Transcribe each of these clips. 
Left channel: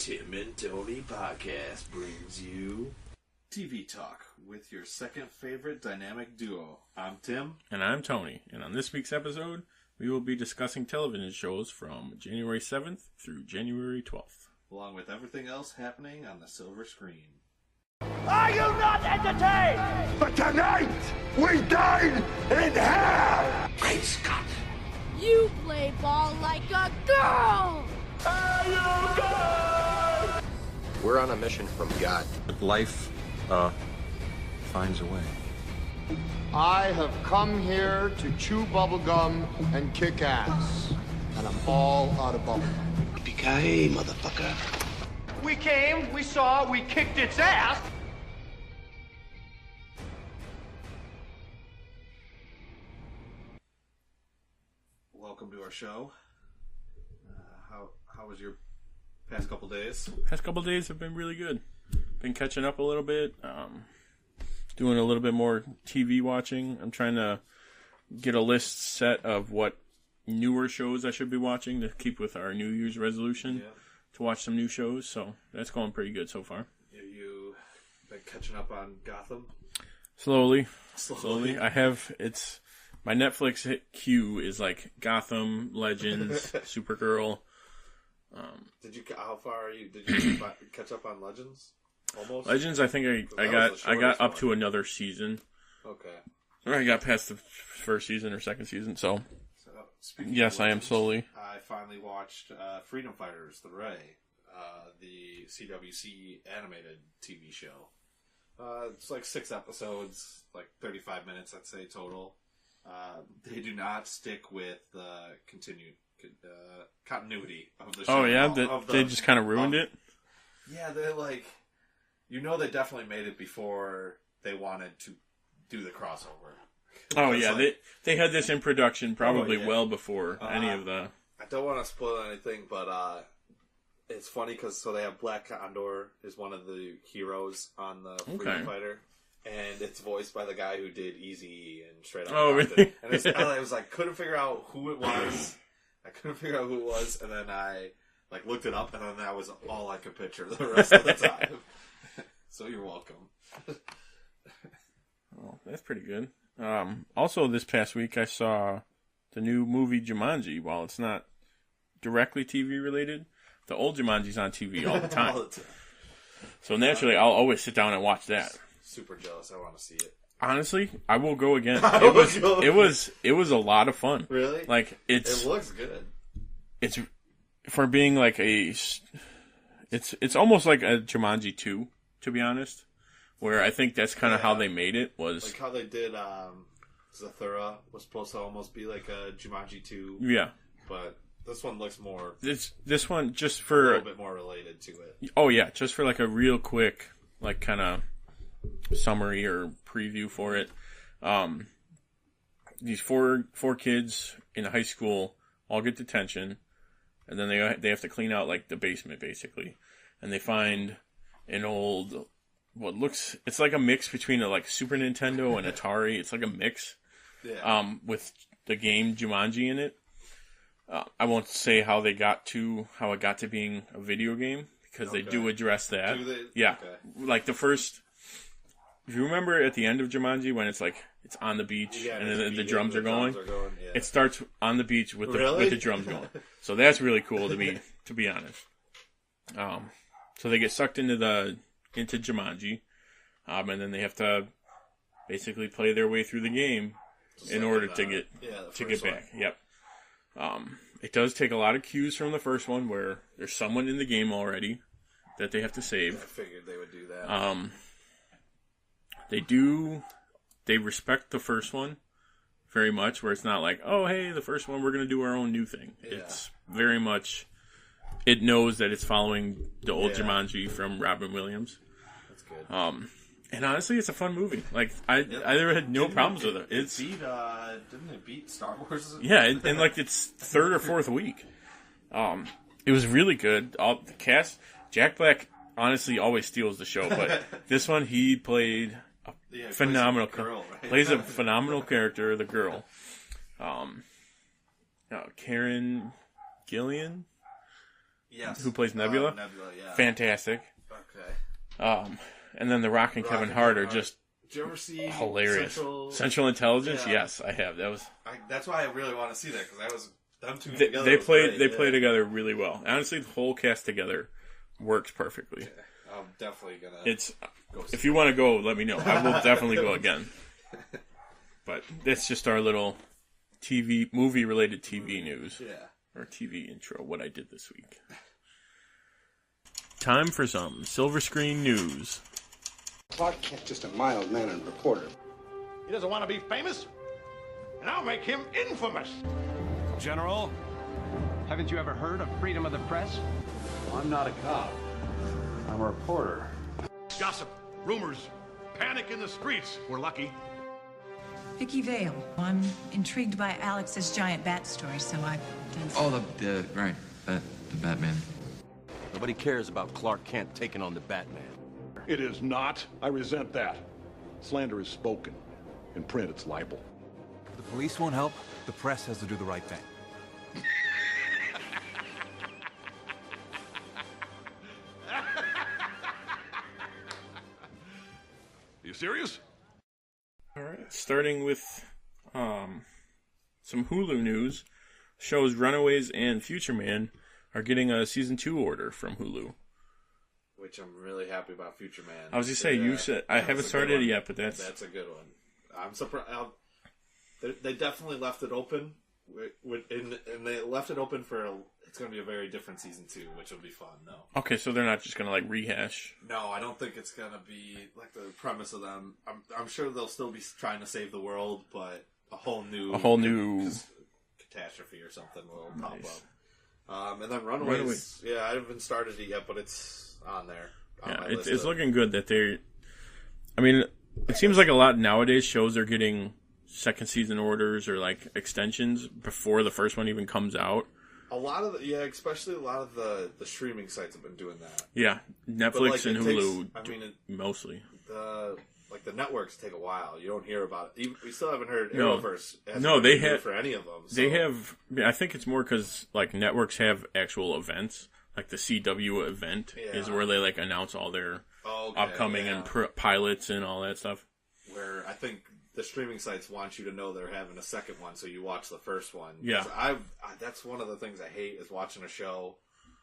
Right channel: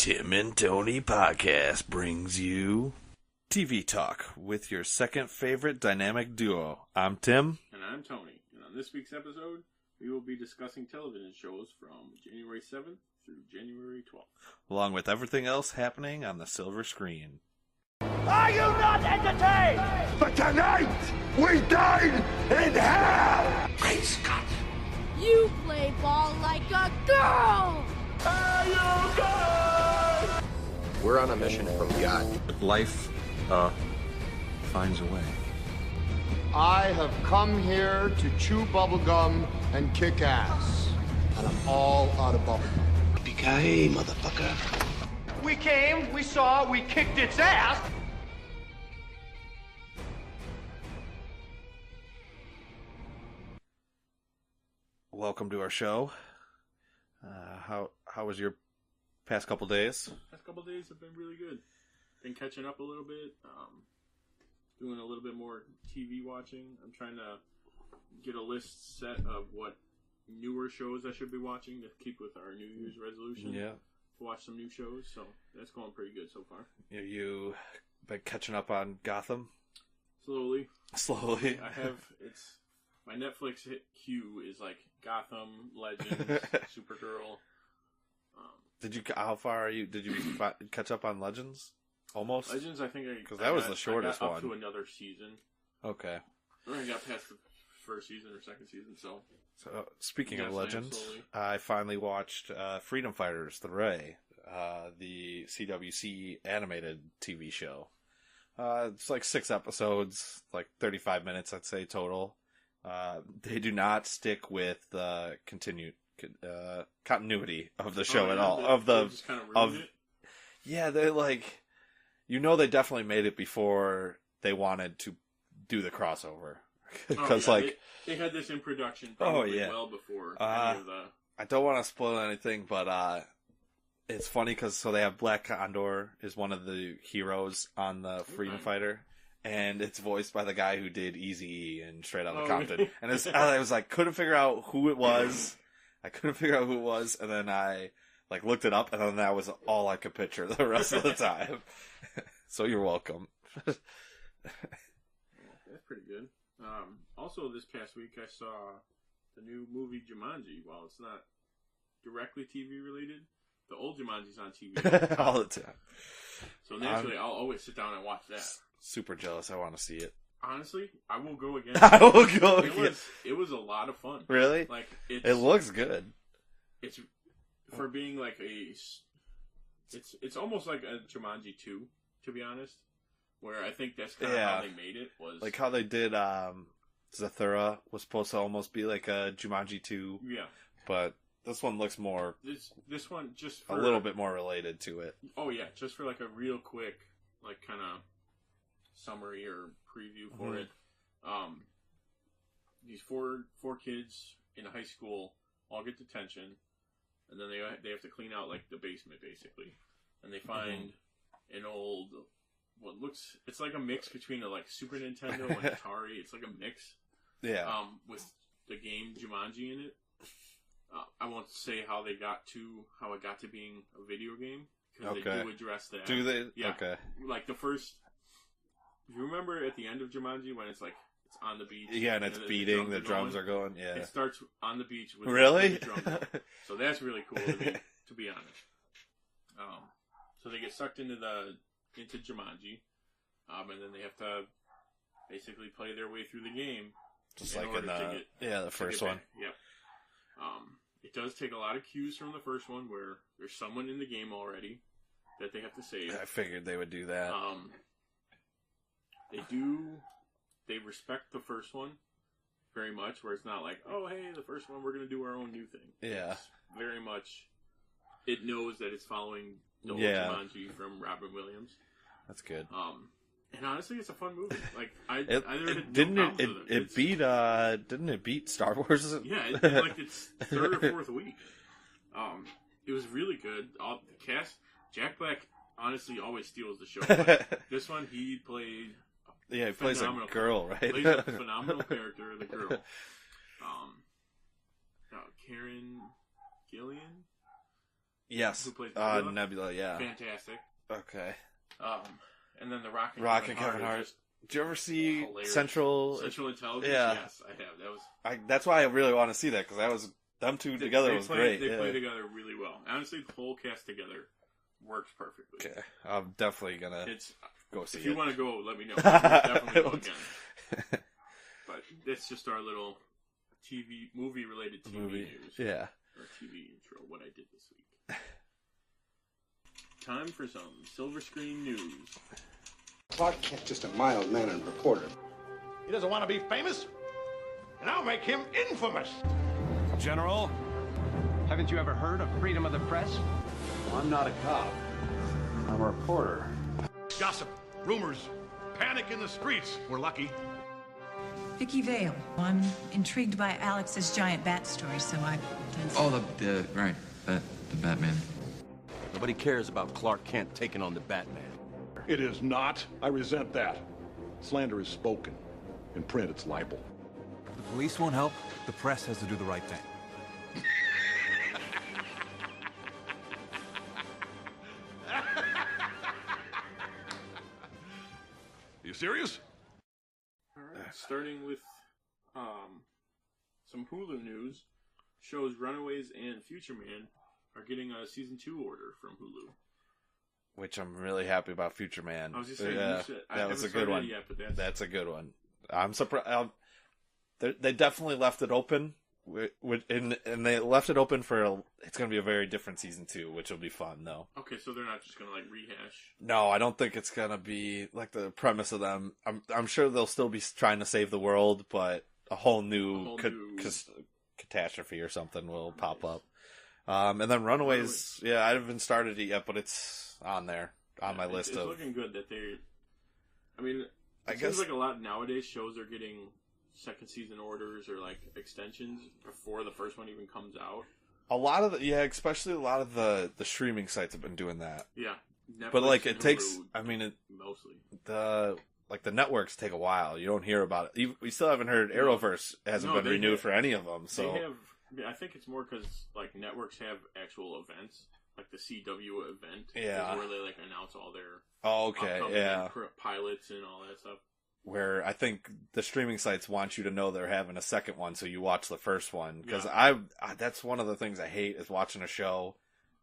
Tim and Tony Podcast brings you TV Talk with your second favorite dynamic duo. I'm Tim. And I'm Tony. And on this week's episode, we will be discussing television shows from January 7th through January 12th. Along with everything else happening on the silver screen. Are you not entertained? But tonight, we dine in hell! Great Scott! You play ball like a girl! Are you good? We're on a mission from God. Life, finds a way. I have come here to chew bubblegum and kick ass. And I'm all out of bubblegum. Yippee-ki-yay, motherfucker. We came, we saw, we kicked its ass! Welcome to our show. How was your past couple days? Past couple days have been really good. Been catching up a little bit. Doing a little bit more TV watching. I'm trying to get a list set of what newer shows I should be watching to keep with our New Year's resolution. Yeah. To watch some new shows. So that's going pretty good so far. You been catching up on Gotham? Slowly. I have my Netflix queue is like Gotham, Legends, Supergirl. How far are you? Did you catch up on Legends? Almost. Legends, I think I got up to another season. Okay. Or I got past the first season or second season. So speaking yes, of Legends, I am slowly. I finally watched Freedom Fighters: The Ray, the CWC animated TV show. It's like 6 episodes, like 35 minutes, I'd say total. They do not stick with the continuity of the show. Oh yeah, they just kind of ruined it. Yeah, they're like, they definitely made it before they wanted to do the crossover. Oh yeah, they had this in production probably well before any of the. I don't want to spoil anything, but it's funny because they have Black Condor is one of the heroes on the Freedom Fighter. And it's voiced by the guy who did Eazy-E and Straight Outta Compton. Really? And I was like, couldn't figure out who it was. And then I looked it up, and then that was all I could picture the rest of the time. So you're welcome. Well, that's pretty good. Also, this past week I saw the new movie Jumanji. While it's not directly TV related, the old Jumanji's on TV all the time. All the time. So naturally, I'll always sit down and watch that. Super jealous. I want to see it. Honestly, I will go again. It was a lot of fun. Really? It looks good. It's for being it's almost like a Jumanji 2, to be honest. Where I think that's kind of how they made it was like how they did. Zathura was supposed to almost be like a Jumanji 2. Yeah, but this one looks more. This one just for a little bit more related to it. Oh yeah, just for a real quick kind of summary or preview for it. These four kids in high school all get detention, and then they have to clean out the basement basically, and they find an old it's like a mix between a Super Nintendo and Atari. It's like a mix, with the game Jumanji in it. I won't say how it got to being a video game because they do address that. Do they? Yeah, okay. The first. If you remember at the end of Jumanji when it's on the beach and the drums are going, yeah. It starts on the beach with the drums going. So that's really cool to me, to be honest. So they get sucked into Jumanji, and then they have to basically play their way through the game in order to get back. Yep. It does take a lot of cues from the first one where there's someone in the game already that they have to save. Yeah, I figured they would do that. They respect the first one very much, where it's not oh, hey, the first one, we're going to do our own new thing. Yeah. It's very much, it knows that it's following the old Jumanji from Robin Williams. That's good. And honestly, it's a fun movie. I never had no problems with it. Didn't it beat Star Wars? Yeah, in its third or fourth week. It was really good. All the cast, Jack Black honestly always steals the show, but this one he played a phenomenal girl, right? Plays a phenomenal character, the girl. Karen Gillan. Yes. Who plays Nebula? Nebula, yeah. Fantastic. Okay. And then The Rock and Kevin Hart are just Did you ever see hilarious. Central Intelligence? Yeah. Yes, I have. That was. That's why I really want to see that, because that was them two together. They was play great. together really well. Honestly, the whole cast together works perfectly. Yeah, I'm definitely gonna. Go see if you want to go, let me know. I will definitely go again. But that's just our little movie-related TV news. Yeah. Or TV intro, what I did this week. Time for some Silver Screen news. Clark Kent's just a mild-mannered reporter. He doesn't want to be famous, and I'll make him infamous. General, haven't you ever heard of freedom of the press? I'm not a cop. I'm a reporter. Gossip, rumors, panic in the streets. We're lucky. Vicky Vale. I'm intrigued by Alex's giant bat story, so I've done some... Oh, the Batman. Nobody cares about Clark Kent taking on the Batman. It is not. I resent that. Slander is spoken. In print, it's libel. The police won't help. The press has to do the right thing. You serious? All right, starting with some Hulu news. Shows Runaways and Future Man are getting a season 2 order from Hulu. Which I'm really happy about. Future Man. I was just saying, you said I haven't started it yet, but that's a good one. I'm surprised. They definitely left it open, and they left it open for it's going to be a very different season 2, which will be fun though. Okay, so they're not just going to like rehash. No, I don't think it's going to be like the premise of them. I'm sure they'll still be trying to save the world, but a whole new catastrophe or something will pop up. And then Runaways. Yeah, I haven't started it yet, but it's on there on my list. It's looking good that they're. I mean, it seems like a lot nowadays shows are getting second season orders or like extensions before the first one even comes out. A lot of especially a lot of the streaming sites have been doing that. Yeah, Netflix and Hulu. Mostly the networks take a while. You don't hear about it. We still haven't heard Arrowverse. They have for any of them. So. They have. I think it's more because like networks have actual events. Like the CW event is where they like announce all their upcoming and pilots and all that stuff. Where I think the streaming sites want you to know they're having a second one, so you watch the first one. Yeah, that's one of the things I hate is watching a show,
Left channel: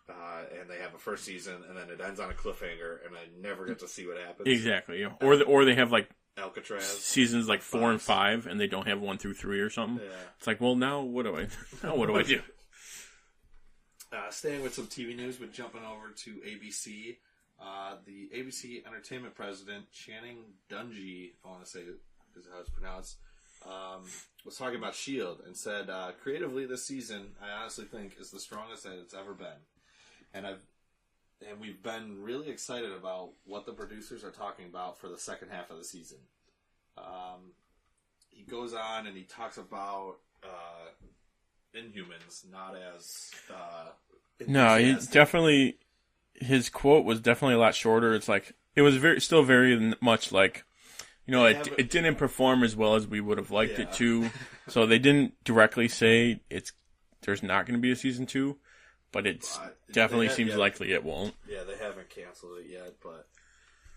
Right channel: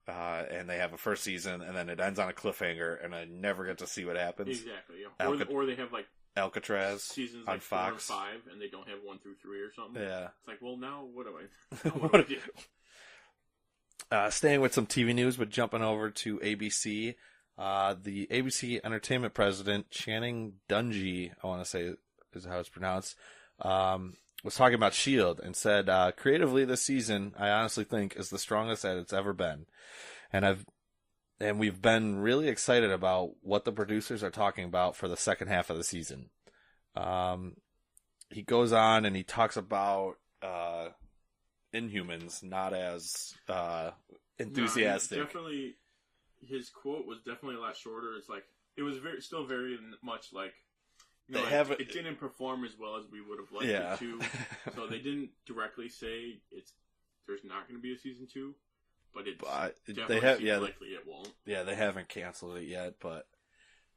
and they have a first season, and then it ends on a cliffhanger, and I never get to see what happens. Exactly, or they have like Alcatraz seasons like 4 and 5, and they don't have 1 through 3 or something. Yeah, it's like, well, now what do I do? Staying with some TV news, but jumping over to ABC. The ABC Entertainment president, Channing Dungey, I want to say is how it's pronounced, was talking about S.H.I.E.L.D. and said, creatively this season, I honestly think is the strongest that it's ever been. And we've been really excited about what the producers are talking about for the second half of the season. He goes on and he talks about Inhumans, not as enthusiastic. No, he definitely. His quote was definitely a lot shorter. It's like it was still very much like, it didn't perform as well as we would have liked it to. So they didn't directly say there's not going to be a season 2, but it definitely seems likely it won't. Yeah, they haven't canceled it yet, but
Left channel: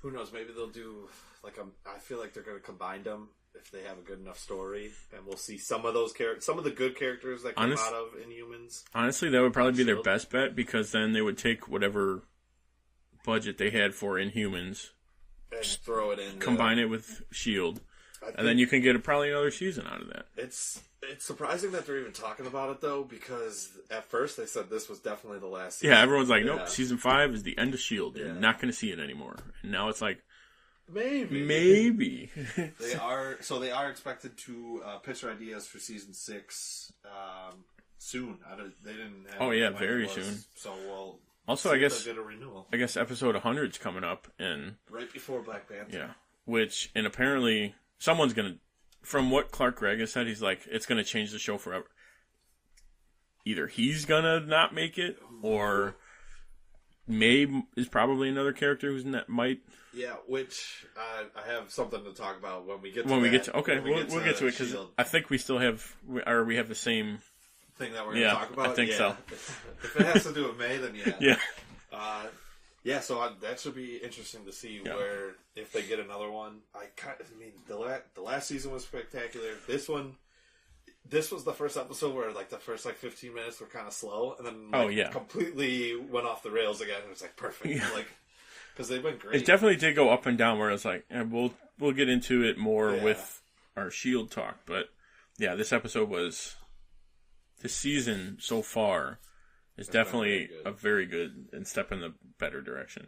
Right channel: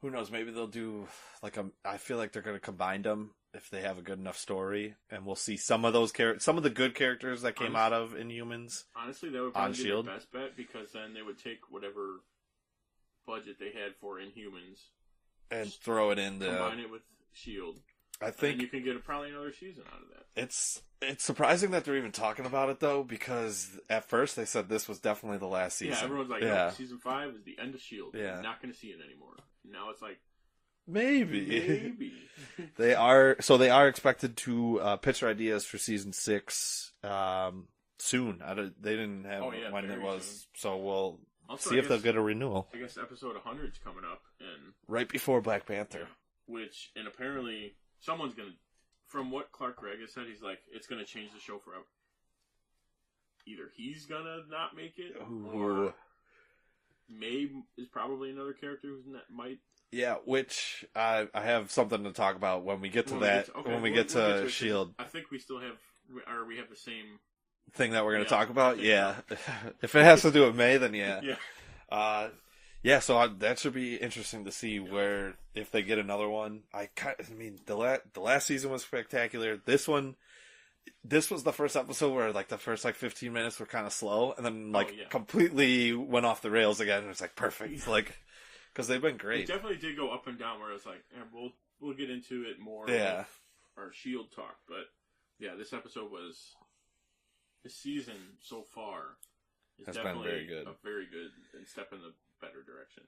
who knows? Maybe they'll do I feel like they're going to combine them if they have a good enough story, and we'll see some of those some of the good characters that came out of Inhumans. Honestly, that would probably be their best bet, because then they would take whatever budget they had for Inhumans and throw it in, combine it with S.H.I.E.L.D., and then you can get probably another season out of that. It's surprising that they're even talking about it though, because at first they said this was definitely the last season. Yeah, everyone's like, nope, season 5 is the end of S.H.I.E.L.D. Yeah. You're not going to see it anymore. And now it's like, maybe they are expected to pitch their ideas for season 6 soon. They didn't have. Oh yeah, very soon. So we'll also see if they'll get a renewal. I guess episode 100 is coming up, and right before Black Panther. Yeah, and apparently someone's gonna. From what Clark Gregg has said, he's like, it's gonna change the show forever. Either he's gonna not make it, or Mabe is probably another character who's might. Yeah, which I have something to talk about when we get to We'll get to S.H.I.E.L.D. I think we still have, or we have the same thing that we're going to Yeah, talk about? I think yeah. so. If it has to do with May, then yeah. Yeah. So that should be interesting to see where if they get another one. I mean, the last season was spectacular. This was the first episode where like the first like 15 minutes were kind of slow, and then completely went off the rails again. It was like perfect, like because they've been great. It definitely did go up and down. Where it's like, and we'll get into it more with our S.H.I.E.L.D. talk, but yeah, this season so far is definitely a very good and step in the better direction.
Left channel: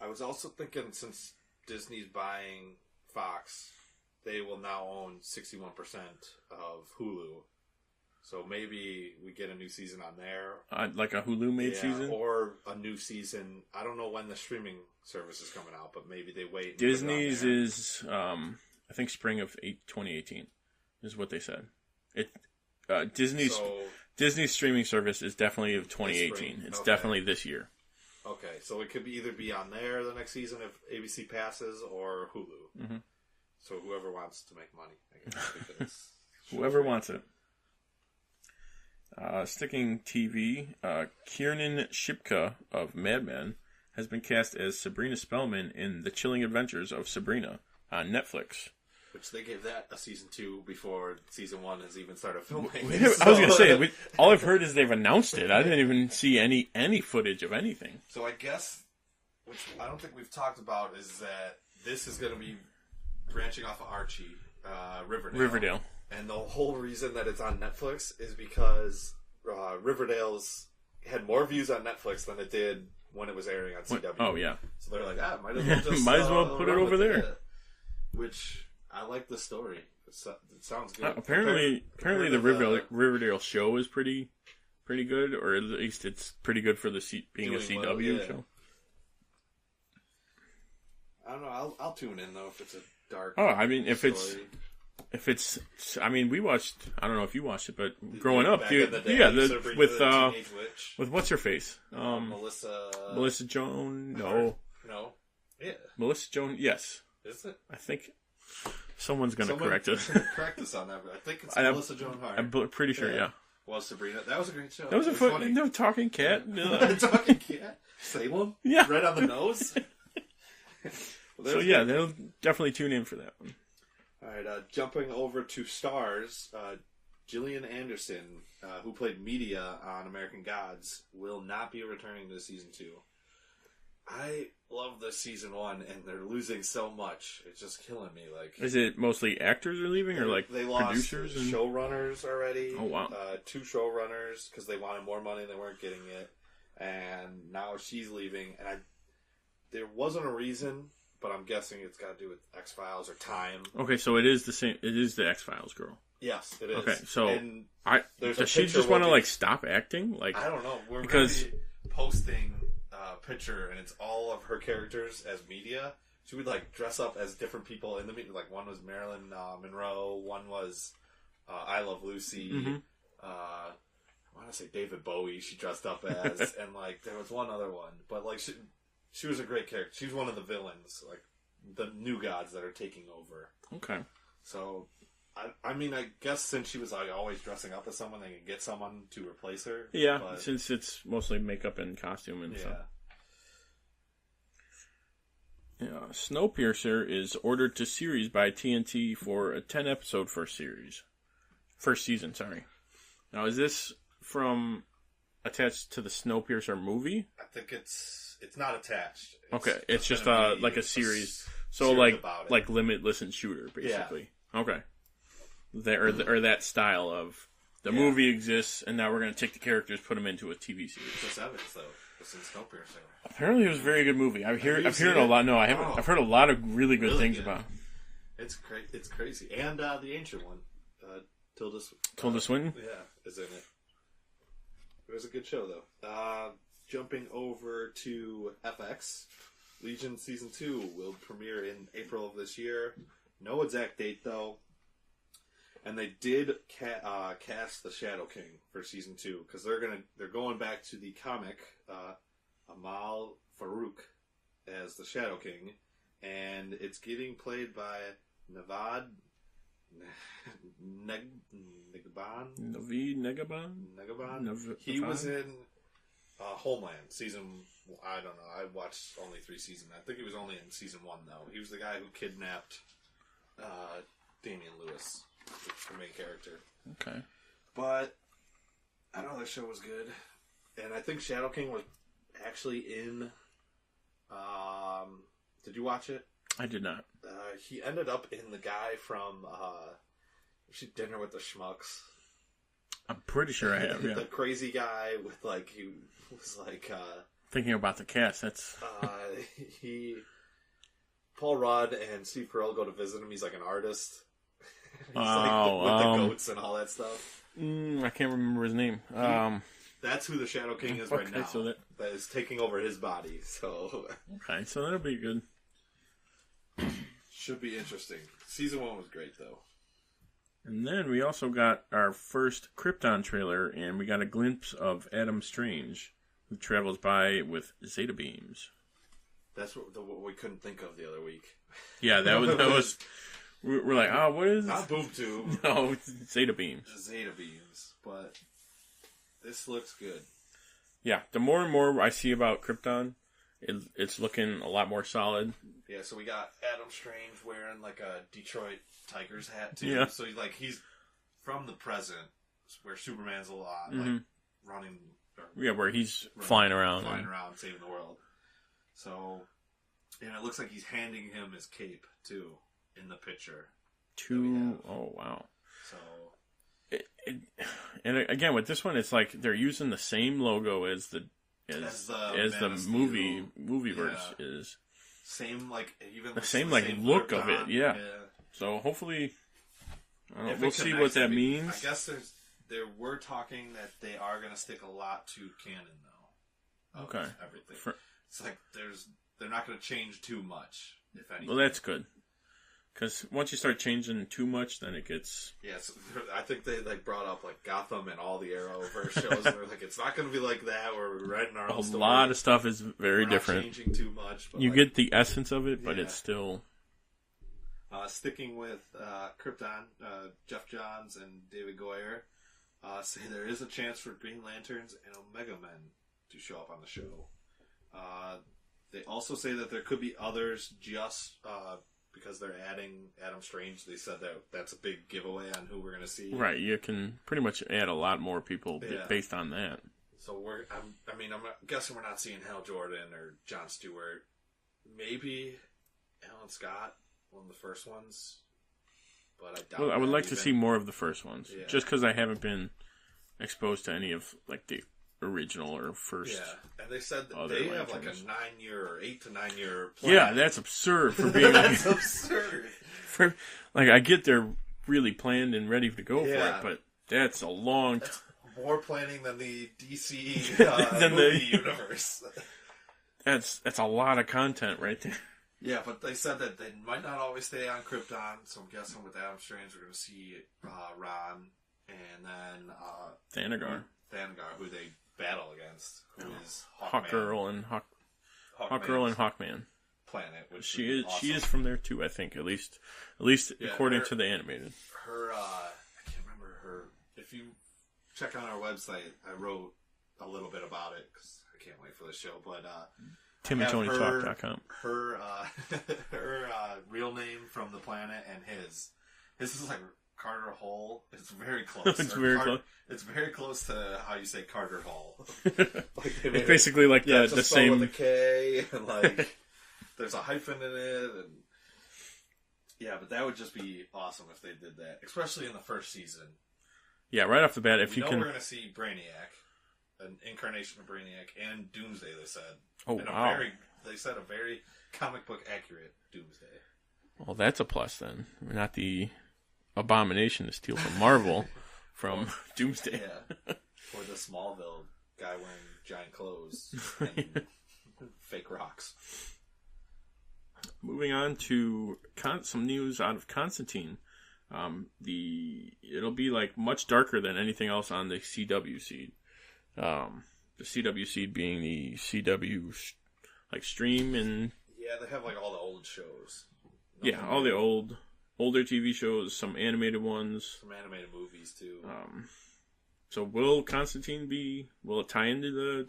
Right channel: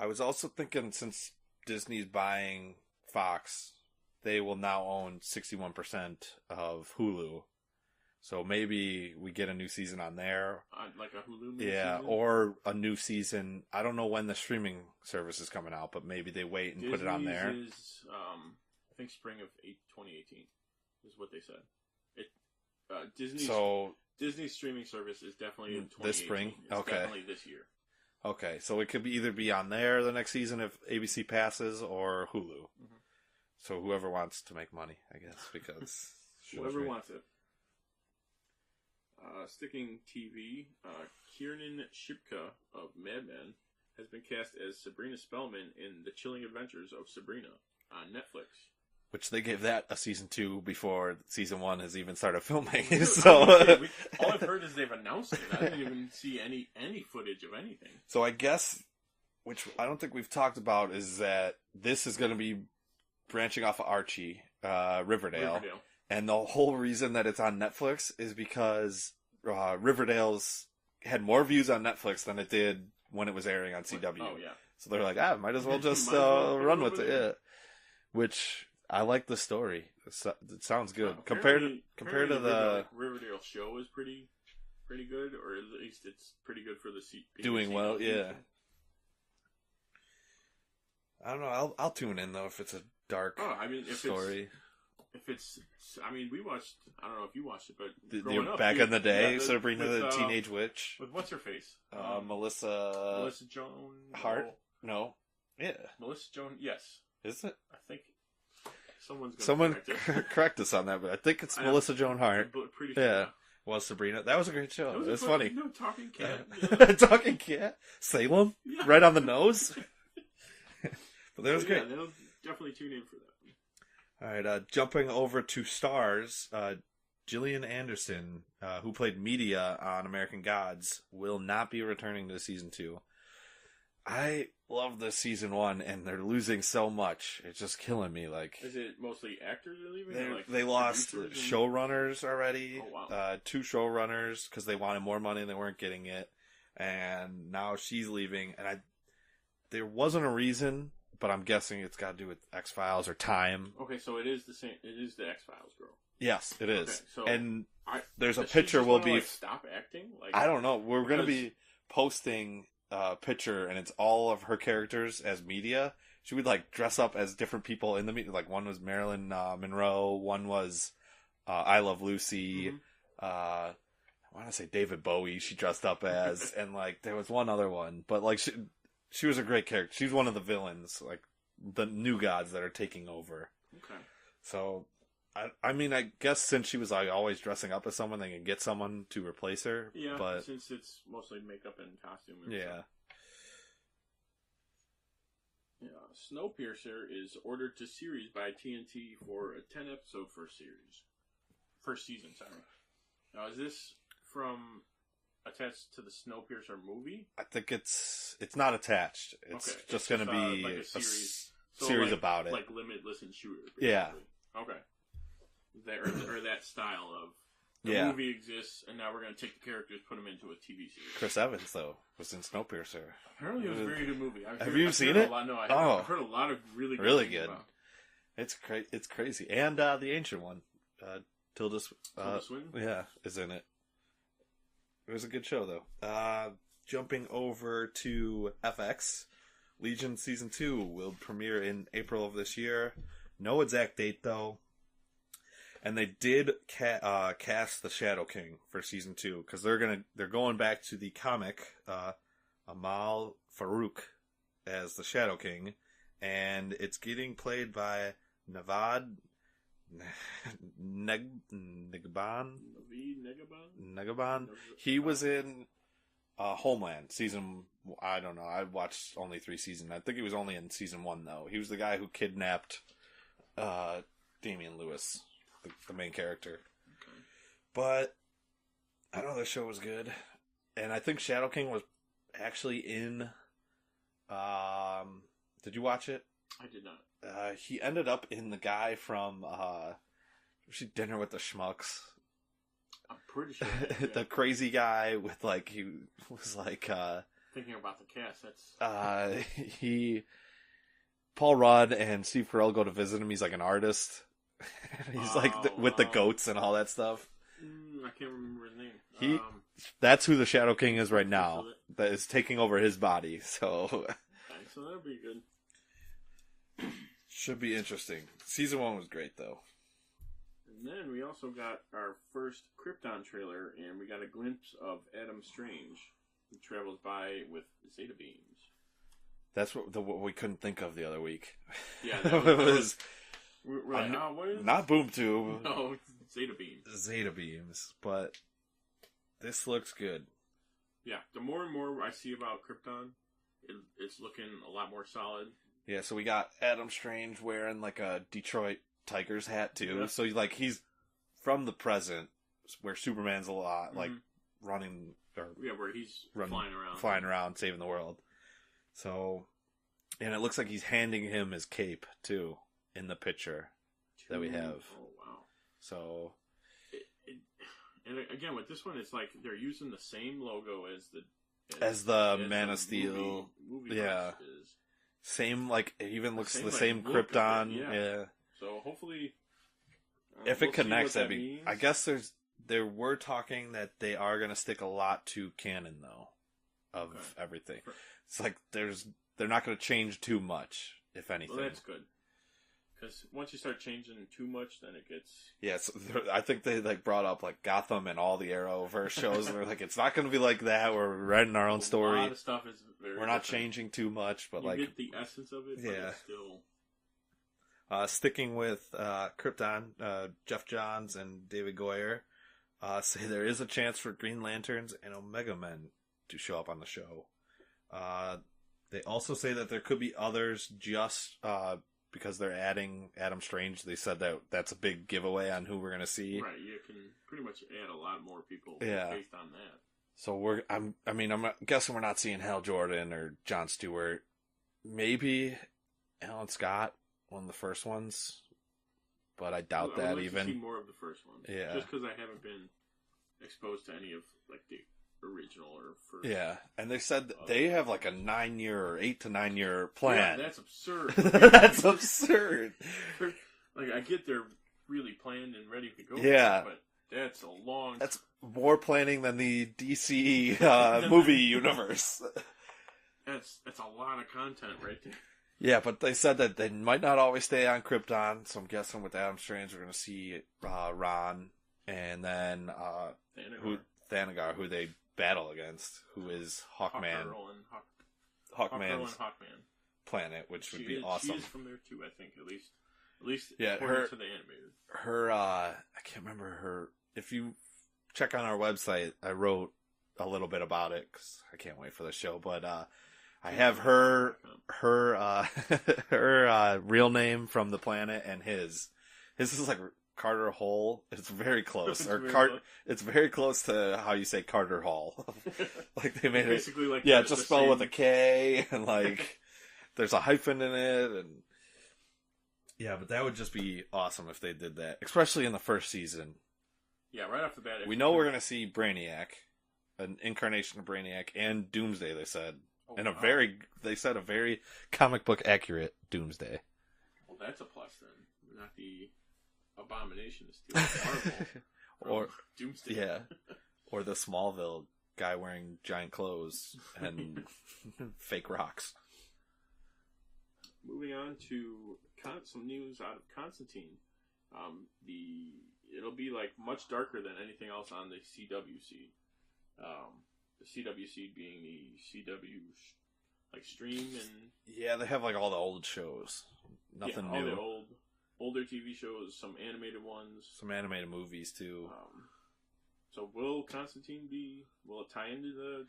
I was also thinking, since Disney's buying Fox, they will now own 61% of Hulu. So maybe we get a new season on there. Like a Hulu-made season? Or a new season. I don't know when the streaming service is coming out, but maybe they wait and Disney's put it on there. is, I think, spring of 2018 is what they said. Disney's streaming service is definitely of 2018. It's definitely this year. Okay, so it could either be on there the next season if ABC passes, or Hulu. Mm-hmm. So whoever wants to make money, I guess, because whoever wants it. Sticking TV, Kiernan Shipka of Mad Men has been cast as Sabrina Spellman in The Chilling Adventures of Sabrina on Netflix. Which they gave that a season 2 before season 1 has even started filming. I was going to say, all I've heard is they've announced it. I didn't even see any footage of anything. So I guess, which I don't think we've talked about, is that this is going to be branching off of Archie, Riverdale. And the whole reason that it's on Netflix is because Riverdale's had more views on Netflix than it did when it was airing on CW. Oh, yeah. So they're like, might as well just might as well put it over there. It. Which, I like the story. It sounds good. Apparently the Riverdale show is pretty good, or at least it's pretty good for being a CW show. I don't know. I'll tune in though if it's a dark. We watched. I don't know if you watched it, but growing up back in the day, with the Teenage Witch, with what's her face, Melissa Joan. No, yeah, Melissa Joan. Yes, is it? I think someone's going to correct us. Correct us on that, but I think it's Melissa Joan Hart. I'm pretty sure. Yeah. Well, Sabrina, that was a great show. That was funny. No, talking cat. Talking cat. Salem. Yeah, right on the nose. So yeah, they'll definitely tune in for that one. All right, jumping over to Starz, Gillian Anderson, who played Media on American Gods, will not be returning to season 2. I love the season 1, and they're losing so much. It's just killing me. Like, is it mostly actors are leaving, or like they lost showrunners already? Oh wow, 2 showrunners because they wanted more money and they weren't getting it, and now she's leaving. And there wasn't a reason. But I'm guessing it's got to do with X-Files or time. Okay, so it is the same. It is the X-Files girl. Yes, it is. Okay, so there's does she just want to like stop acting? Like, I don't know. We're going to be posting a picture, and it's all of her characters as Media. She would like dress up as different people in the media. Like one was Marilyn Monroe, one was I Love Lucy. Mm-hmm. I want to say David Bowie. She dressed up as, and like there was one other one, but like she was a great character. She's one of the villains, like the new gods that are taking over. Okay. So, I mean, I guess since she was like always dressing up as someone, they can get someone to replace her. Yeah, but, since it's mostly makeup and costume and stuff. Yeah. Snowpiercer is ordered to series by TNT for a 10-episode first season. Sorry. Now, is this from attached to the Snowpiercer movie? I think it's not attached. It's just like a series. So like Limitless and Shooter, basically. Yeah. Okay. Or that style of the movie exists, and now we're going to take the characters, put them into a TV series. Chris Evans though was in Snowpiercer. Apparently, it was a very good movie. I've heard a lot. No, I haven't. I've heard a lot of really good things about it. It's crazy, and the ancient one, Tilda Swinton, is in it. It was a good show, though. Jumping over to FX, Legion Season 2 will premiere in April of this year. No exact date, though. And they did cast the Shadow King for Season 2, because they're going back to the comic, Amal Farouk as the Shadow King, and it's getting played by Navad Negaban. Naveed Negaban. Negaban. He was in Homeland season. I don't know. I watched only 3 seasons. I think he was only in season 1 though. He was the guy who kidnapped Damian Lewis, the main character. Okay. But I don't know. The show was good, and I think Shadow King was actually in. Did you watch it? I did not. He ended up in the guy from Dinner with the Schmucks. I'm pretty sure I have. Yeah. The crazy guy with like he was like thinking about the cast. That's Paul Rudd and Steve Carell go to visit him. He's like an artist. He's like with the goats and all that stuff. I can't remember his name. That's who the Shadow King is right now. So that is taking over his body. So okay, so that'll be good. Should be interesting. Season 1 was great though. And then we also got our first Krypton trailer, and we got a glimpse of Adam Strange, who travels by with Zeta beams. That's what we couldn't think of the other week. Yeah, that was we're like, oh, what is not boom tube? No, Zeta beams. Zeta beams, but this looks good. Yeah, the more and more I see about Krypton, it's looking a lot more solid. Yeah, so we got Adam Strange wearing like a Detroit Tigers hat too. Yeah. So like he's from the present, where Superman's a lot like running. Where he's flying around saving the world. So, and it looks like he's handing him his cape too in the picture that we have. Oh wow! So, and again with this one, it's like they're using the same logo as the Man of Steel movie verse is. Same like even the same look Krypton. of it. Yeah. So hopefully, if we'll it see what that means. I guess there were talking that they are going to stick a lot to canon though of everything. It's like they're not going to change too much, if anything. Well, that's good. Because once you start changing too much, then it gets... Yes, I think they brought up Gotham and all the Arrowverse shows, and we're like, it's not going to be like that. We're writing our own story. A lot of stuff is very we're different. Not changing too much, but you get the essence of it, but it's still... Sticking with Krypton, Jeff Johns and David Goyer say there is a chance for Green Lanterns and Omega Men to show up on the show. They also say that there could be others just because they're adding Adam Strange. They said that that's a big giveaway on who we're going to see. Right, you can pretty much add a lot more people based on that. So I'm guessing we're not seeing Hal Jordan or Jon Stewart. Maybe Alan Scott, one of the first ones, but I doubt. I would like to see more of the first ones, yeah. Just because I haven't been exposed to any of the original or first. Yeah, and they said that they have like a 9-year or 8 to 9 year plan. Yeah, that's absurd. That's absurd. I get they're really planned and ready to go for it, but that's a long. That's more planning than the DC movie universe. That's a lot of content right there. Yeah, but they said that they might not always stay on Krypton, so I'm guessing with Adam Strange we're going to see Ron and then Thanagar, who they battle against, who is Hawkman. Hawkgirl and Hawkman planet, which she is awesome. She is from there too, I think. At least according to the animated. Her I can't remember her. If you check on our website, I wrote a little bit about it because I can't wait for the show. But I have her real name from the planet and his. His is like Carter Hall. It's very close. It's very close to how you say Carter Hall. Like they made basically like the spelled same with a K, and like there's a hyphen in it, and yeah, but that would just be awesome if they did that, especially in the first season. Yeah, right off the bat, we're going to see Brainiac, an incarnation of Brainiac, and Doomsday. They said, they said a very comic book accurate Doomsday. Well, that's a plus then. Not the abomination to steal from Marvel from Doomsday. Yeah. Or the Smallville guy wearing giant clothes and fake rocks. Moving on to some news out of Constantine. It'll be like much darker than anything else on the CW seed. The CW seed being the CW like stream and yeah, they have like all the old shows. Nothing all new. The old older TV shows, some animated ones. Some animated movies, too. So will Constantine will it tie into the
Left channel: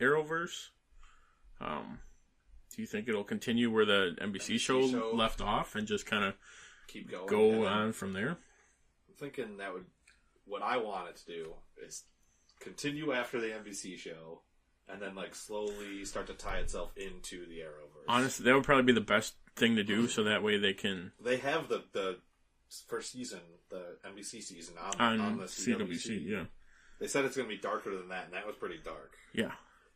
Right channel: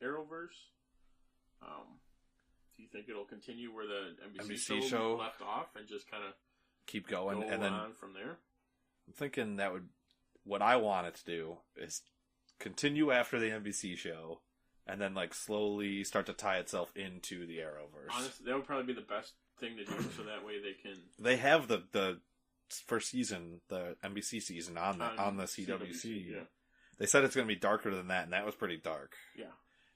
Arrowverse? Do you think it'll continue where the NBC show left off and just kind of keep going, go on from there? I'm thinking what I want it to do is continue after the NBC show and then like slowly start to tie itself into the Arrowverse. Honestly, that would probably be the best thing to do, so that way they can... They have the first season, the NBC season, on the CWC. Yeah. They said it's going to be darker than that, and that was pretty dark. Yeah.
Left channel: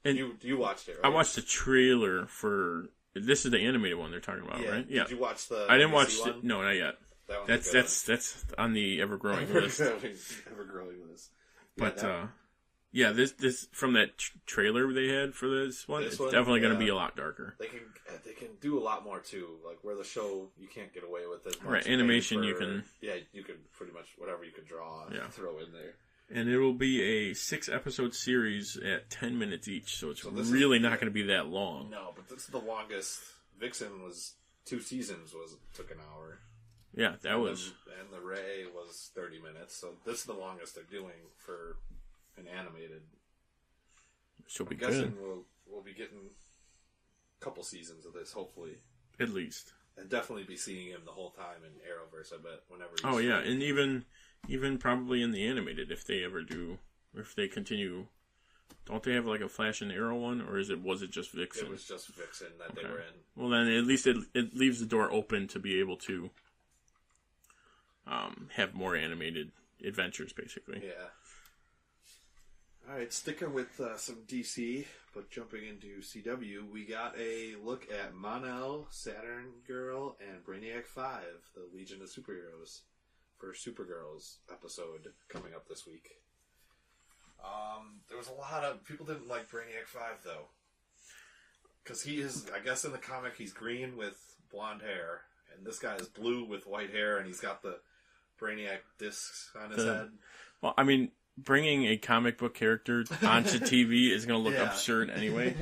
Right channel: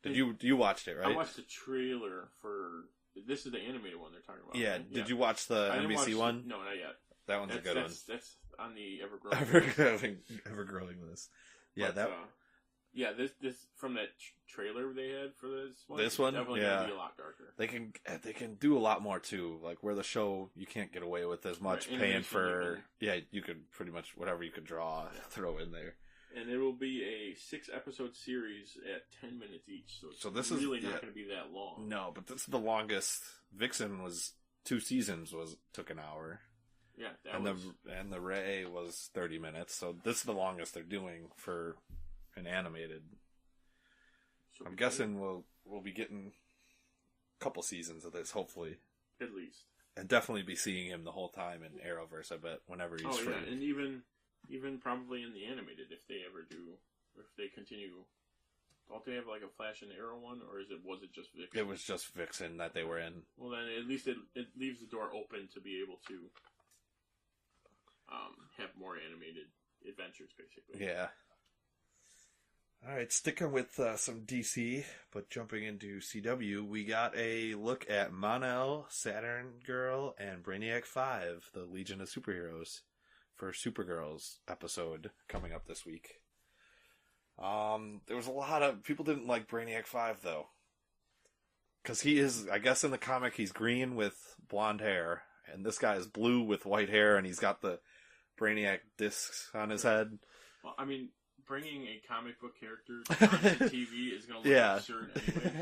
And you watched it, right? I watched the trailer for... This is the animated one they're talking about, right? Yeah. Did you watch the I didn't NBC watch one? No, not yet. That one's that's on the ever-growing list. Ever-growing list. Yeah, but, this from that trailer they had for this one, it's definitely going to be a lot darker. They can do a lot more too, like where the show you can't get away with as much. Right, animation you can. Yeah, you can pretty much whatever you could draw, throw in there. And it will be a 6-episode series at 10 minutes each, so it's really not going to be that long. No, but this is the longest. Vixen was 2 seasons took an hour. Yeah, and the Ray was 30 minutes, so this is the longest they're doing for an animated. I'm guessing we'll be getting a couple seasons of this, hopefully. At least. And definitely be seeing him the whole time in Arrowverse, I bet, whenever he's free. Yeah, and even probably in the animated, if they ever do, if they continue. Don't they have like a Flash and Arrow one, or was it just Vixen? It was just Vixen that they were in. Well, then at least it leaves the door open to be able to have more animated adventures, basically. Yeah. All right, sticking with some DC, but jumping into CW, we got a look at Mon-El, Saturn Girl, and Brainiac 5, the Legion of Superheroes, for Supergirl's episode coming up this week. There was a lot of people didn't like Brainiac 5 though, because he is, I guess in the comic he's green with blonde hair, and this guy is blue with white hair, and he's got the Brainiac discs on his head. Well, I mean, bringing a comic book character onto TV is going to look absurd anyway.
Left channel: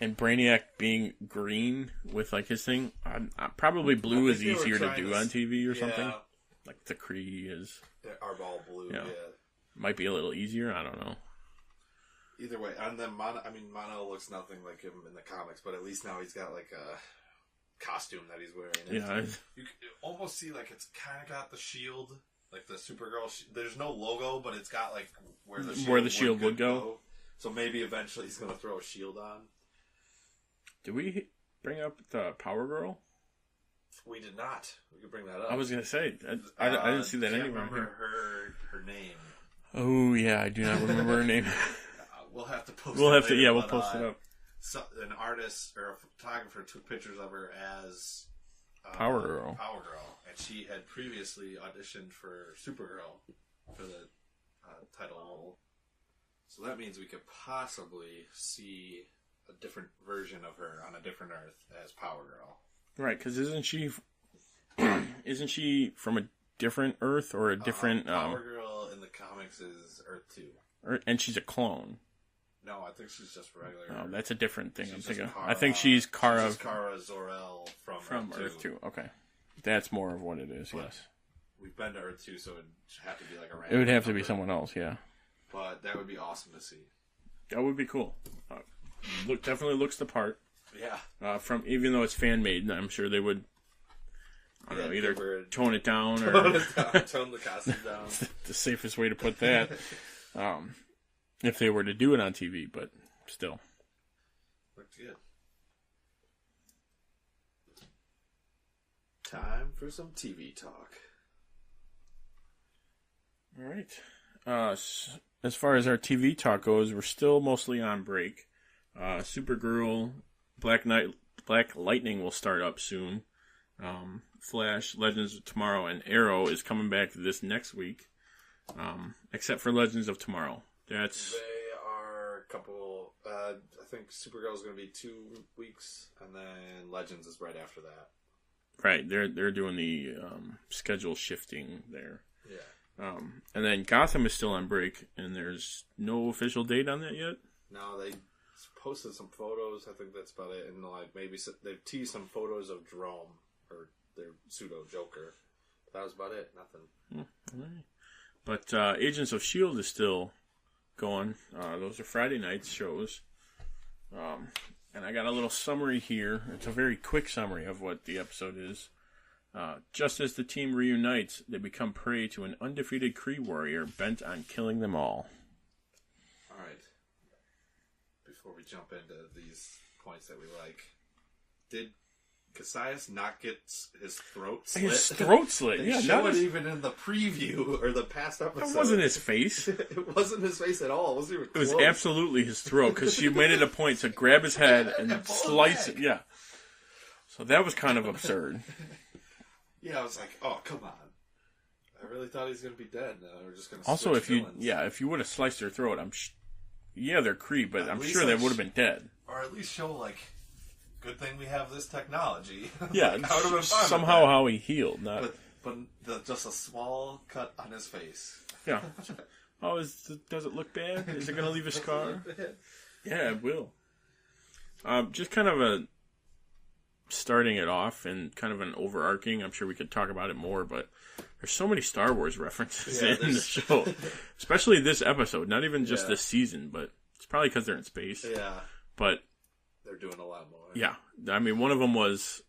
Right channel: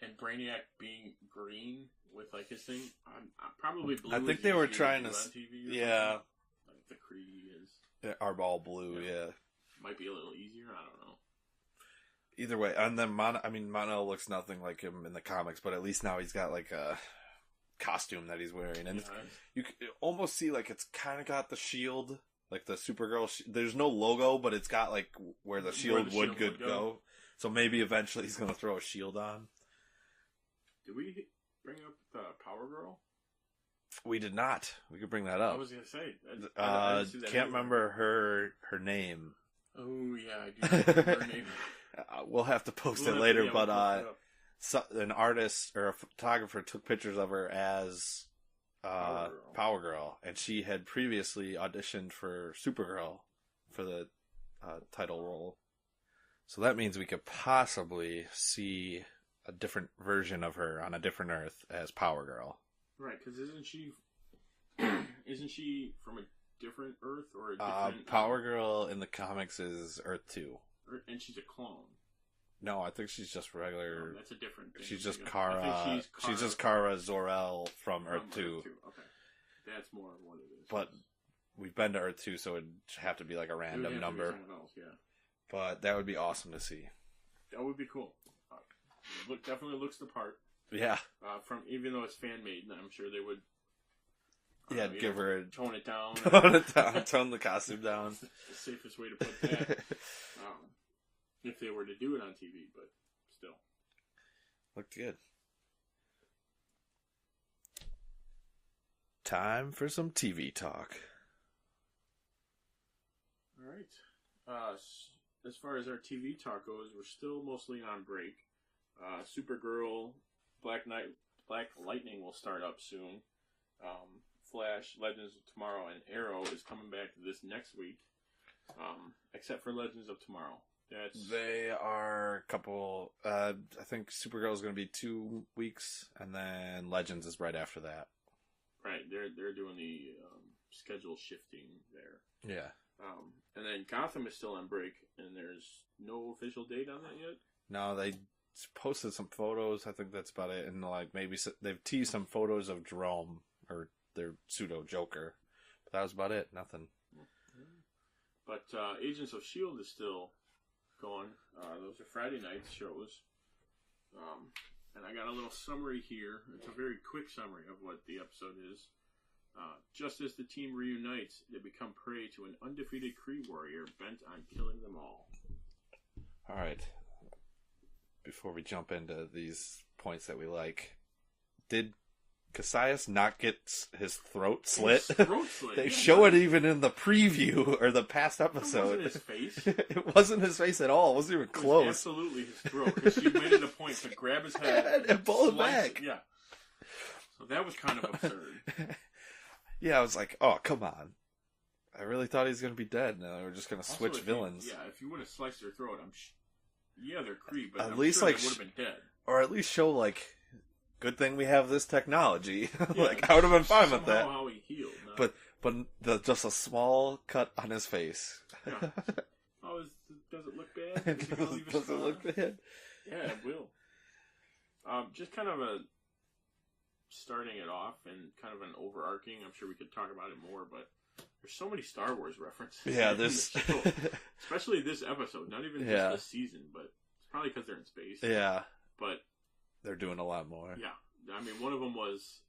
And Brainiac being green with like his thing, probably blue is easier to do on TV or something. Like the Kree is. Are all blue, yeah. Might be a little easier, I don't know. Either way, and then Mon-El looks nothing like him in the comics, but at least now he's got like a costume that he's wearing. And you can almost see like it's kind of got the shield, like the Supergirl. There's no logo, but it's got like where the shield would go. So maybe eventually he's going to throw a shield on. Did we bring up the Power Girl? We did not. We could bring that up. I was going to say, I didn't see that. I can't remember her name. Oh yeah, I do not remember her name. We'll have to post it later. We'll post it up. An artist or a photographer took pictures of her as Power Girl, and she had previously auditioned for Supergirl for the title role. So that means we could possibly see a different version of her on a different Earth as Power Girl. Right, because isn't she from a different Earth or a different... Power Girl in the comics is Earth 2. And she's a clone. No, I think she's just regular. No, that's a different thing. She's just Kara. I think she's Kara. She's just Kara Zor-El from Earth 2. Okay. That's more of what it is, but yes. We've been to Earth 2, so it'd have to be like a random It would have number. to be someone else, yeah. But that would be awesome to see. That would be cool. Definitely looks the part. Yeah. From even though it's fan made, I'm sure they would either tone it down or tone the costume down. The safest way to put that. If they were to do it on TV, but still. Looked good. Time for some TV talk. All right. As far as our TV talk goes, we're still mostly on break. Supergirl, Black Lightning will start up soon. Flash, Legends of Tomorrow, and Arrow is coming back this next week. Except for Legends of Tomorrow. They are a couple. I think Supergirl is going to be 2 weeks, and then Legends is right after that. Right, they're doing the schedule shifting there. Yeah. And then Gotham is still on break, and there's no official date on that yet. No, they posted some photos. I think that's about it, and like maybe they've teased some photos of Jerome or their pseudo Joker. that was about it. Nothing. But Agents of S.H.I.E.L.D. is still going. Those are Friday night shows. And I got a little summary here. It's a very quick summary of what the episode is. Just as the team reunites, they become prey to an undefeated Kree warrior bent on killing them all. All right. Before we jump into these points that we like, did Cassius not get his throat slit? His throat slit. They show it even in the preview or the past episode. It wasn't his face. It wasn't his face at all. It wasn't even close. It was absolutely his throat, because she made it a point to grab his head and slice it. Yeah. So that was kind of absurd. Yeah, I was like, oh, come on. I really thought he was going to be dead. No, they were just going to switch villains. If you would have sliced their throat, they're Kree, but I'm sure they would have been dead. Or at least show, like, good thing we have this technology. Yeah, like, I would have been fine somehow with that. how he healed. But just a small cut on his face. Yeah. Oh, does it look bad? Is it going to leave a scar? Yeah, it will. Just kind of starting it off and kind of an overarching. I'm sure we could talk about it more, but there's so many Star Wars references in the show, especially this episode. Not even just this season, but it's probably because they're in space. Yeah, but they're doing a lot more. Yeah, I mean, one of them was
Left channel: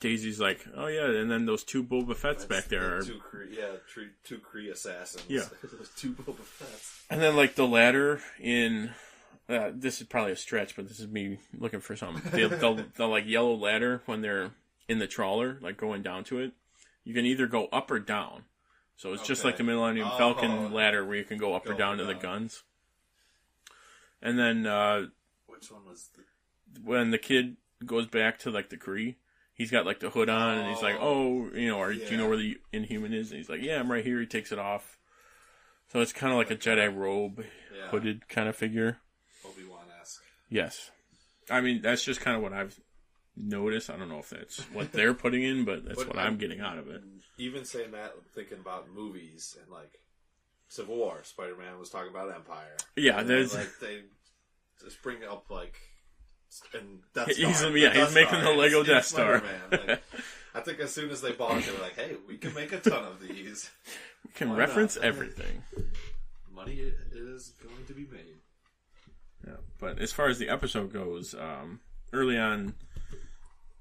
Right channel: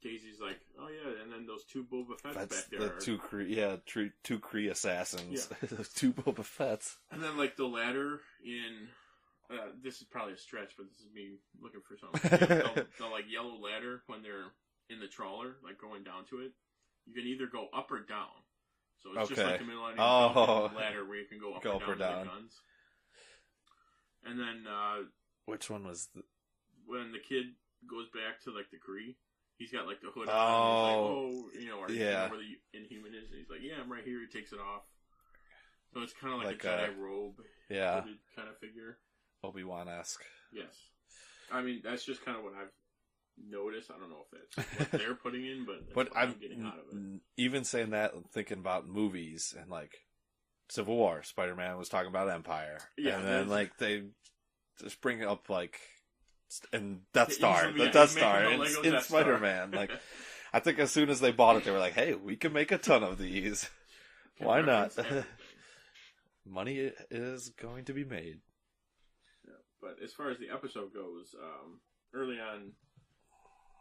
Daisy's like, oh yeah, and then those two Boba Fett's back there. Two Kree assassins. Yeah, those two Boba Fett's. And then like the ladder in. This is probably a stretch, but this is me looking for something. The like yellow ladder when they're in the trawler, like going down to it. You can either go up or down. So it's just like the Millennium Falcon ladder where you can go up or down to the guns. And then which one was when the kid goes back to like the Kree? He's got like the hood on, and he's like, "Oh, do you know where the Inhuman is?" And he's like, "Yeah, I'm right here." He takes it off. So it's kind of like a Jedi robe, hooded kind of figure. Obi-Wan-esque. Yes. I mean, that's just kind of what I've noticed. I don't know if that's what they're putting in, but that's what I'm getting out of it. Even saying that, I'm thinking about movies and like Civil War. Spider-Man was talking about Empire. Yeah, and like they just bring up like and Death Star. He's making the Lego Death Star. Spider-Man. Like, I think as soon as they bought it, they were like, "Hey, we can make a ton of these. We can reference everything. Money is going to be made." Yeah, but as far as the episode goes, early on,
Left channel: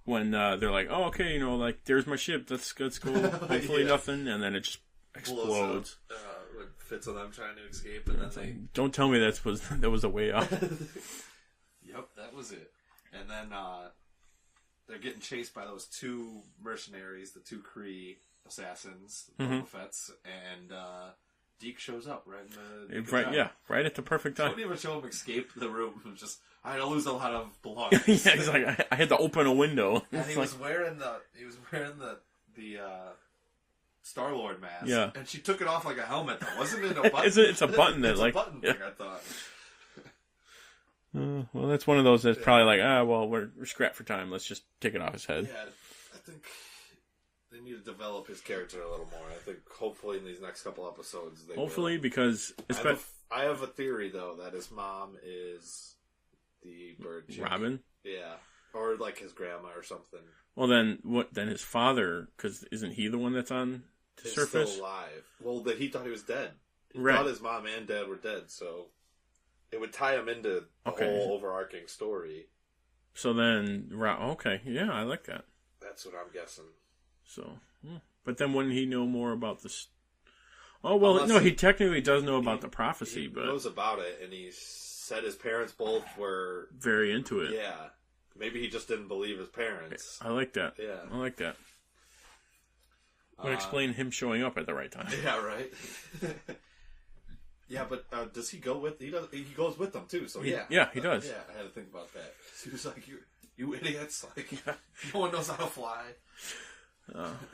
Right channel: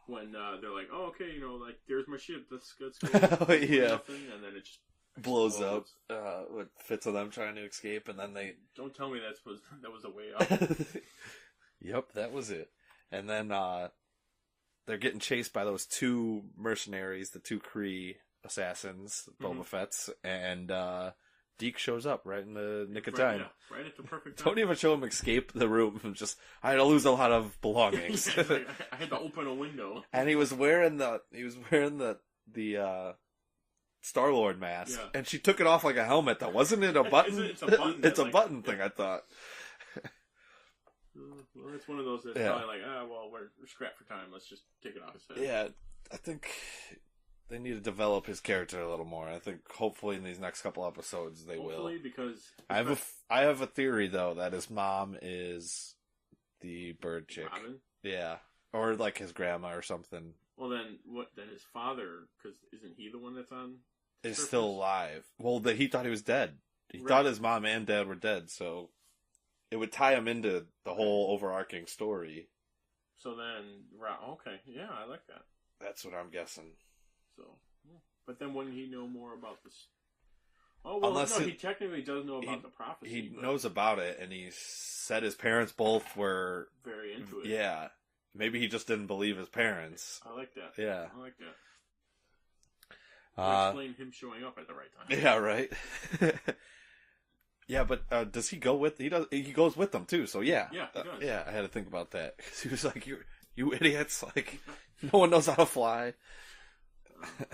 when they're like, "Oh, okay, like there's my ship. Let's go. Hopefully nothing," and then it just explodes. With fits of them trying to escape, and then they don't tell me that was a way out. Yep, that was it. And then they're getting chased by those two mercenaries, the two Kree assassins, Boba Fett's, and Deke shows up right in the nick of time. Yeah, right at the perfect time. Don't even show him escape the room. I had to lose a lot of belongings. Yeah, like, I had to open a window. And he was wearing the Star-Lord mask. Yeah. And she took it off like a helmet though. Wasn't it a button? It's a button. It's a button thing, I thought. Well, that's one of those that's probably like, we're scrapped for time. Let's just take it off his head. Yeah, I think they need to develop his character a little more. I think hopefully in these next couple episodes they will. Because I have a theory though that his mom is the bird chick. Robin? Yeah. Or like his grandma or something. Well then his father, because isn't he the one that's on the surface? Still alive. Well, he thought he was dead. He thought his mom and dad were dead, so it would tie him into the whole overarching story. So then, okay, yeah, I like that. That's what I'm guessing. So, but then wouldn't he know more about this? Oh, well, no, he technically does know about the prophecy. He knows about it, and he said his parents both were very into it. Yeah. Maybe he just didn't believe his parents. I like that. Yeah. I like that. Would explain him showing up at the right time. Yeah, right. Yeah, but does he go with? He goes with them too. So yeah, he does. Yeah, I had to think about that because he was like, "You idiots! Like, no one knows how to fly."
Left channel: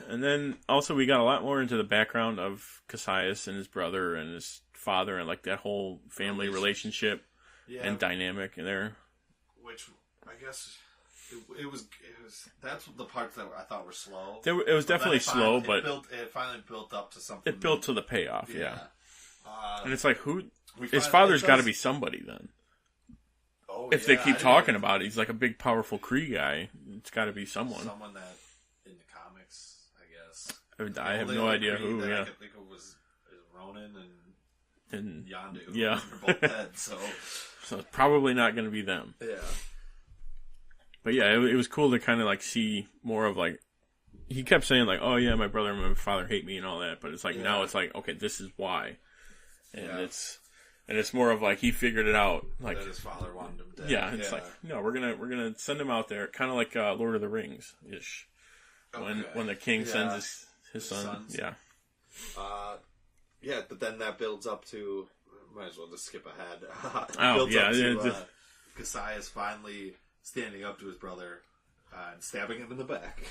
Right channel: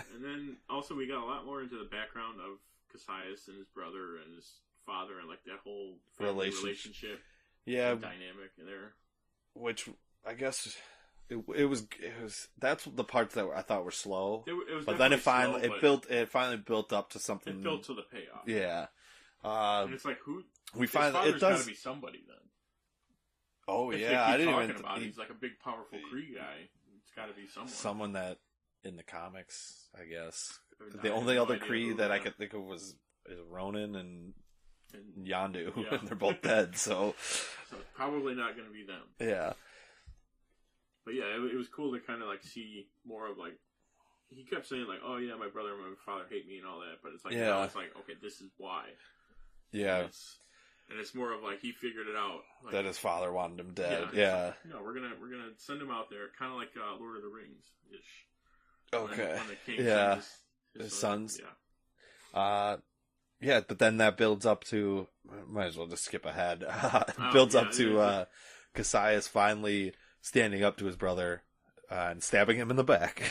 And then also we got a lot more into the background of Cassius and his brother and his father and like that whole family relationship and dynamic in there. Which I guess it was that's the parts that I thought were slow. It was definitely slow, but it finally built up to something. It built to the payoff. Yeah. And it's like, his father's got to be somebody then. Oh, if they keep talking about it, he's like a big, powerful Kree guy. It's got to be someone. Someone that in the comics, I guess. I The have only no other idea Kree who, that I yeah. could think of was Ronan and Yondu. Yeah. They're both dead, so it's probably not going to be them. yeah. But yeah, it was cool to kind of like see more of like, he kept saying like, oh yeah, my brother and my father hate me and all that, but it's like, now it's like, okay, this is why. Yeah. And it's more of like, he figured it out. Like, that his father wanted him dead. yeah. It's like, no, we're gonna send him out there. Kind of like Lord of the Rings-ish. Okay. When the king sends his sons. Yeah. Yeah, but then that builds up to, might as well just skip ahead. It Oh, builds yeah, up to Cassius finally standing up to his brother and stabbing him in the back.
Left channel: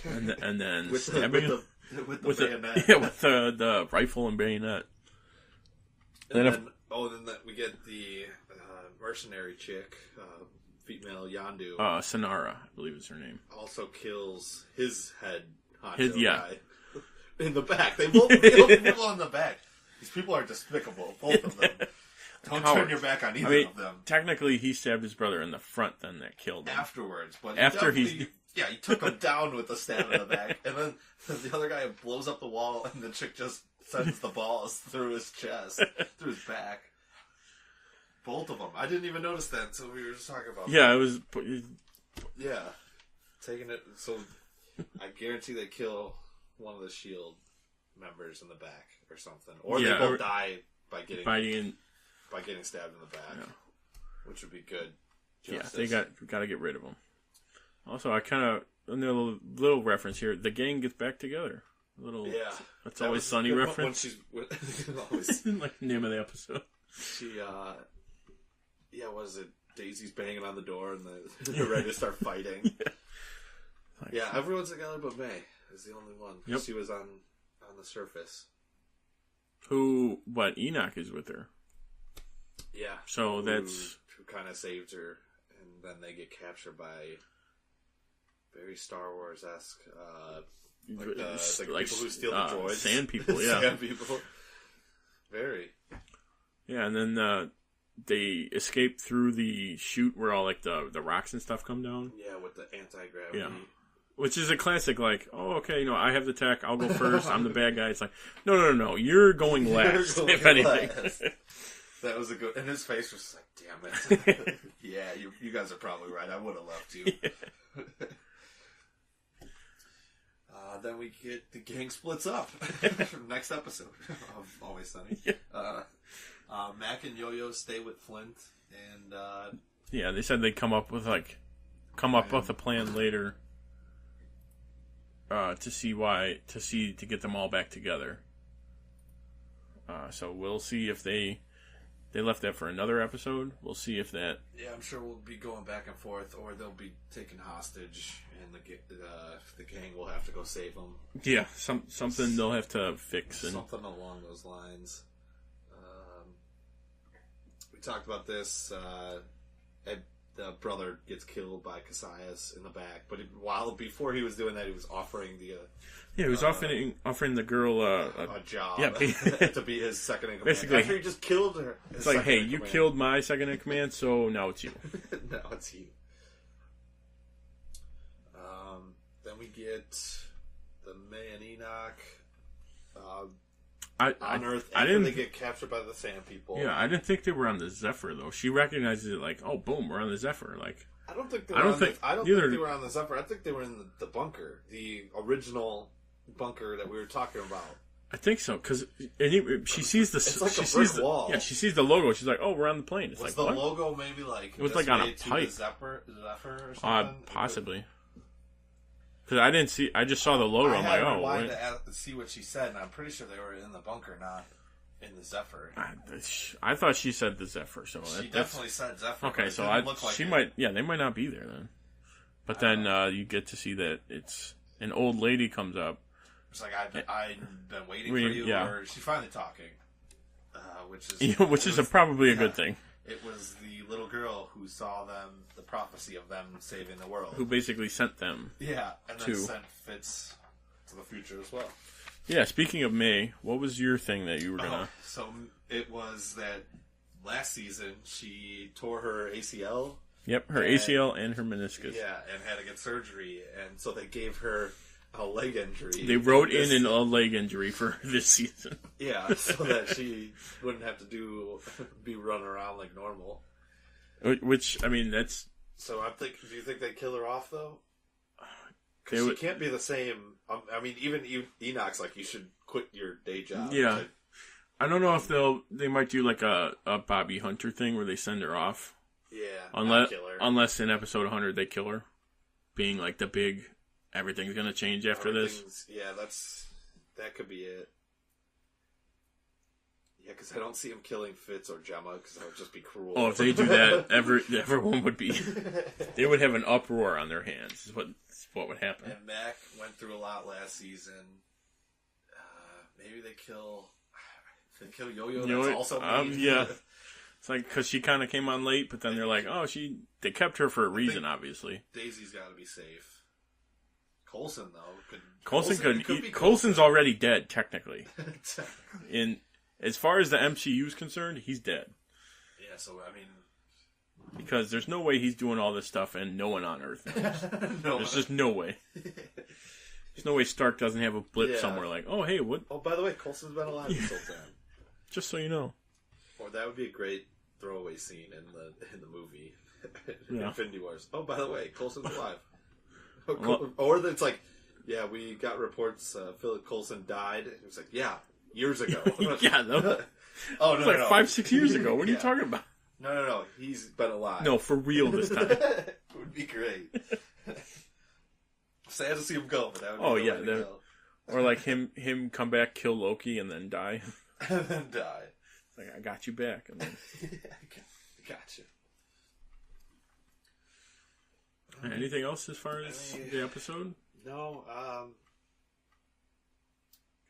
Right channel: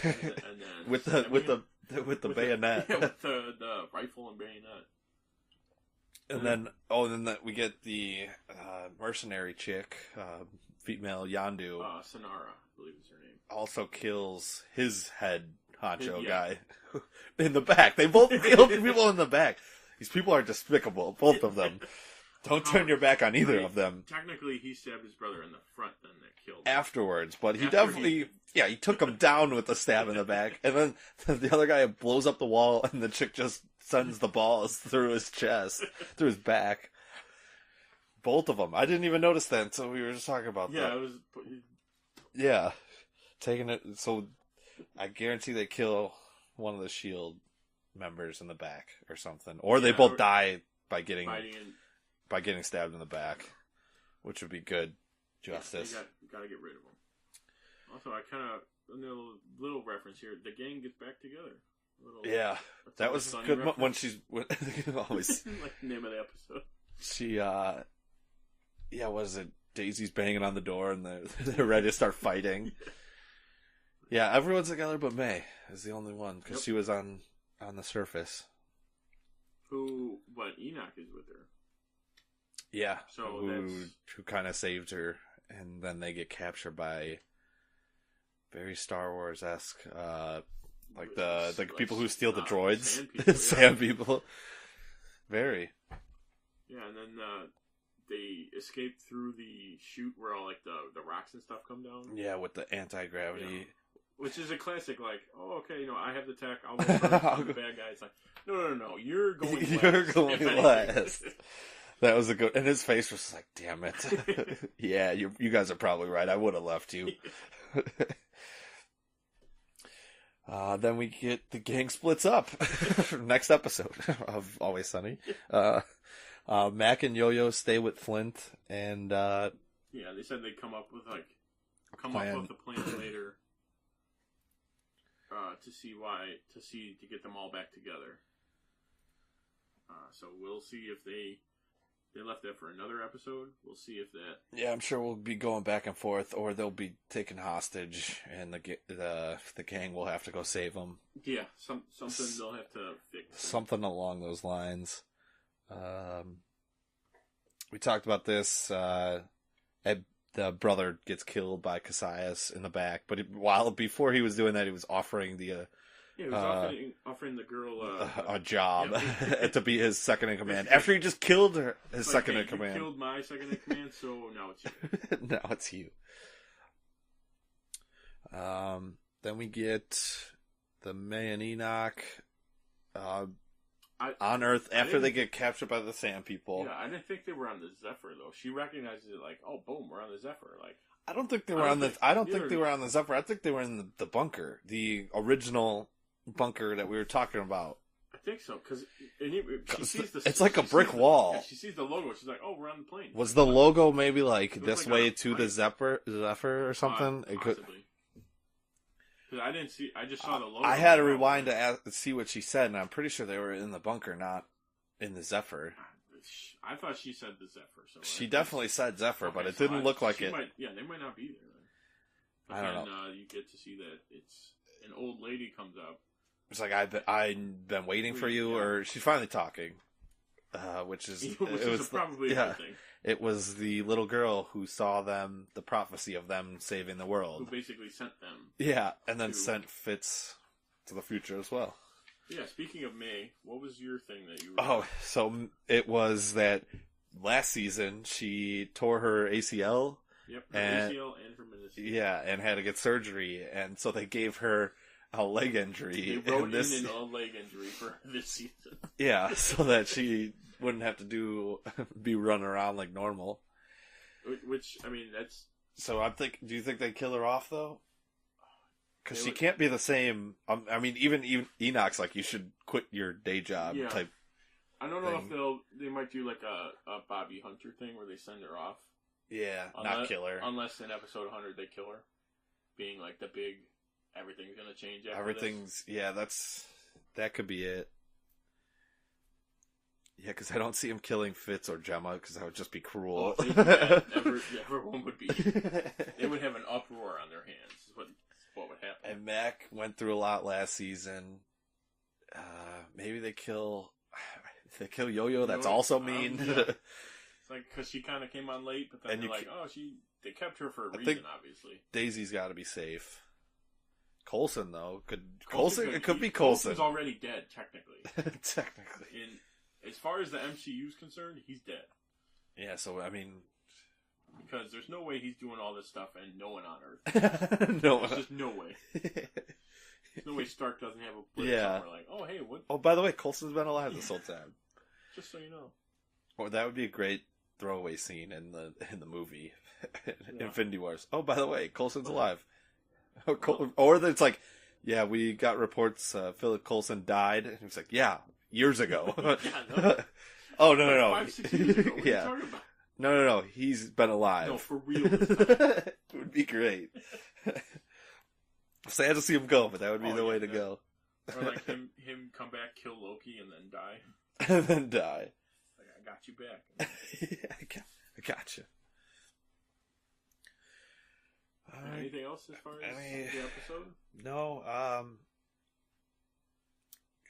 And then with the bayonet. with the rifle and bayonet. And then we get the mercenary chick, female Yondu. Sonara, I believe is her name. Also kills his head honcho His- yeah. guy in the back. They both kill people in the back. These people are despicable, both of them. Don't turn your back on either of them. Technically, he stabbed his brother in the front, then that killed him. Afterwards, but he After definitely... Yeah, he took him down with the stab in the back. And then the other guy blows up the wall, and the chick just sends the balls through his chest, through his back. Both of them. I didn't even notice that until we were just talking about Yeah, that. it was... Yeah. Taking it... So, I guarantee they kill one of the S.H.I.E.L.D. members in the back or something. Or they both die by getting stabbed in the back. Which would be good justice. Yeah, they got to get rid of them. Also, I kind of... A little reference here. The gang gets back together. Yeah. That's always Sunny good reference. When always... like the name of the episode. She, yeah, what is it? Daisy's banging on the door and they're ready to start fighting. Yeah, everyone's together but May is the only one because she was on the surface. Enoch is with her. Yeah. So who kind of saved her, and then they get captured by very Star Wars-esque, like the people who steal the droids. Sand people, yeah. Sand people. Very. Yeah, and then they escape through the chute where all like the rocks and stuff come down. Yeah, with the anti-gravity. Yeah. Which is a classic, like, oh, okay, I have the tech, I'll go first, I'm the bad guy. It's like, no, you're going last, if anything. Last. That was a good, and his face was like, damn it. Yeah, you guys are probably right, I would have left you. Then we get the gang splits up. Next episode of Always Sunny. Mac and Yo-Yo stay with Flint, and yeah, they said they'd come up with a plan later. To get them all back together. So we'll see if they left that for another episode. We'll see if that. Yeah, I'm sure we'll be going back and forth, or they'll be taken hostage, and the gang will have to go save them. Yeah, something they'll have to fix. Something along those lines. We talked about this. The brother gets killed by Cassius in the back, but before he was doing that, he was offering the he was offering the girl a job yeah. to be his second in command. Basically, after he just killed her, it's like, hey, you killed my second in command, so now it's you. Now it's you. Then we get the May and Enoch on Earth after they get captured by the Sand People. Yeah, I didn't think they were on the Zephyr though. She recognizes it like, oh, boom, we're on the Zephyr. Like, I don't think they were on the Zephyr. I think they were in the bunker, the original bunker that we were talking about. I think so because she sees the. It's like a brick wall. Yeah, she sees the logo. She's like, oh, we're on the plane. It's was like, the logo maybe like this like way to the Zephyr or something? Possibly. Because I didn't see. I just saw the logo. I had to rewind to see what she said, and I'm pretty sure they were in the bunker, not in the Zephyr. I thought she said the Zephyr. So she definitely said Zephyr, okay, but it so didn't look like it. Might. Yeah, they might not be there then. But then you get to see that it's an old lady comes up. It's like I've been waiting for you, or she's finally talking, which is probably a good thing. It was the little girl who saw them, the prophecy of them saving the world. Who basically sent them. Yeah, and then sent Fitz to the future as well. Yeah, speaking of May, what was your thing that you were going to... So it was that last season she tore her ACL. Yep, her ACL and her meniscus. Yeah, and had to get surgery. And so they gave her a leg injury. They wrote in a leg injury for this season. Yeah, so that she wouldn't have to be running around like normal. Which, I mean, that's... So I'm thinking, do you think they'd kill her off, though? Because she can't be the same... I mean, even Enoch's like, you should quit your day job. Yeah. Type. I don't know if they might do like a Bobby Hunter thing where they send her off. Yeah, unless, not kill her. Unless in episode 100 they kill her. Being like the big... Everything's going to change after this. Yeah, that could be it. Yeah, because I don't see him killing Fitz or Gemma, because that would just be cruel. Oh, if they do that, everyone would be... They would have an uproar on their hands, is what would happen. And Mac went through a lot last season. Maybe they kill Yo-Yo, that's also mean. Yeah. It's like, because she kind of came on late, but then they're like, oh, they kept her for a reason, obviously. Daisy's got to be safe. Coulson, though, could be Coulson. Coulson's already dead, technically. As far as the MCU is concerned, he's dead. Yeah, so, I mean... Because there's no way he's doing all this stuff and no one on Earth. There's just no way. There's no way Stark doesn't have a blip somewhere like, oh, hey, what? Oh, by the way, Coulson's been alive this whole time. Just so you know. Or that would be a great throwaway scene in the movie. Infinity Wars. Oh, by the way, Coulson's alive. Or it's like, yeah, we got reports Philip Coulson died. And he was like, yeah, years ago. Oh, no. 5-6 years ago. What are you talking about? No. He's been alive. No, for real this time. It would be great. Sad to see him go, but that would be the way to go. Or like him come back, kill Loki, and then die. And then die. Like, I got you back. I got you. Anything else as far as the episode? No.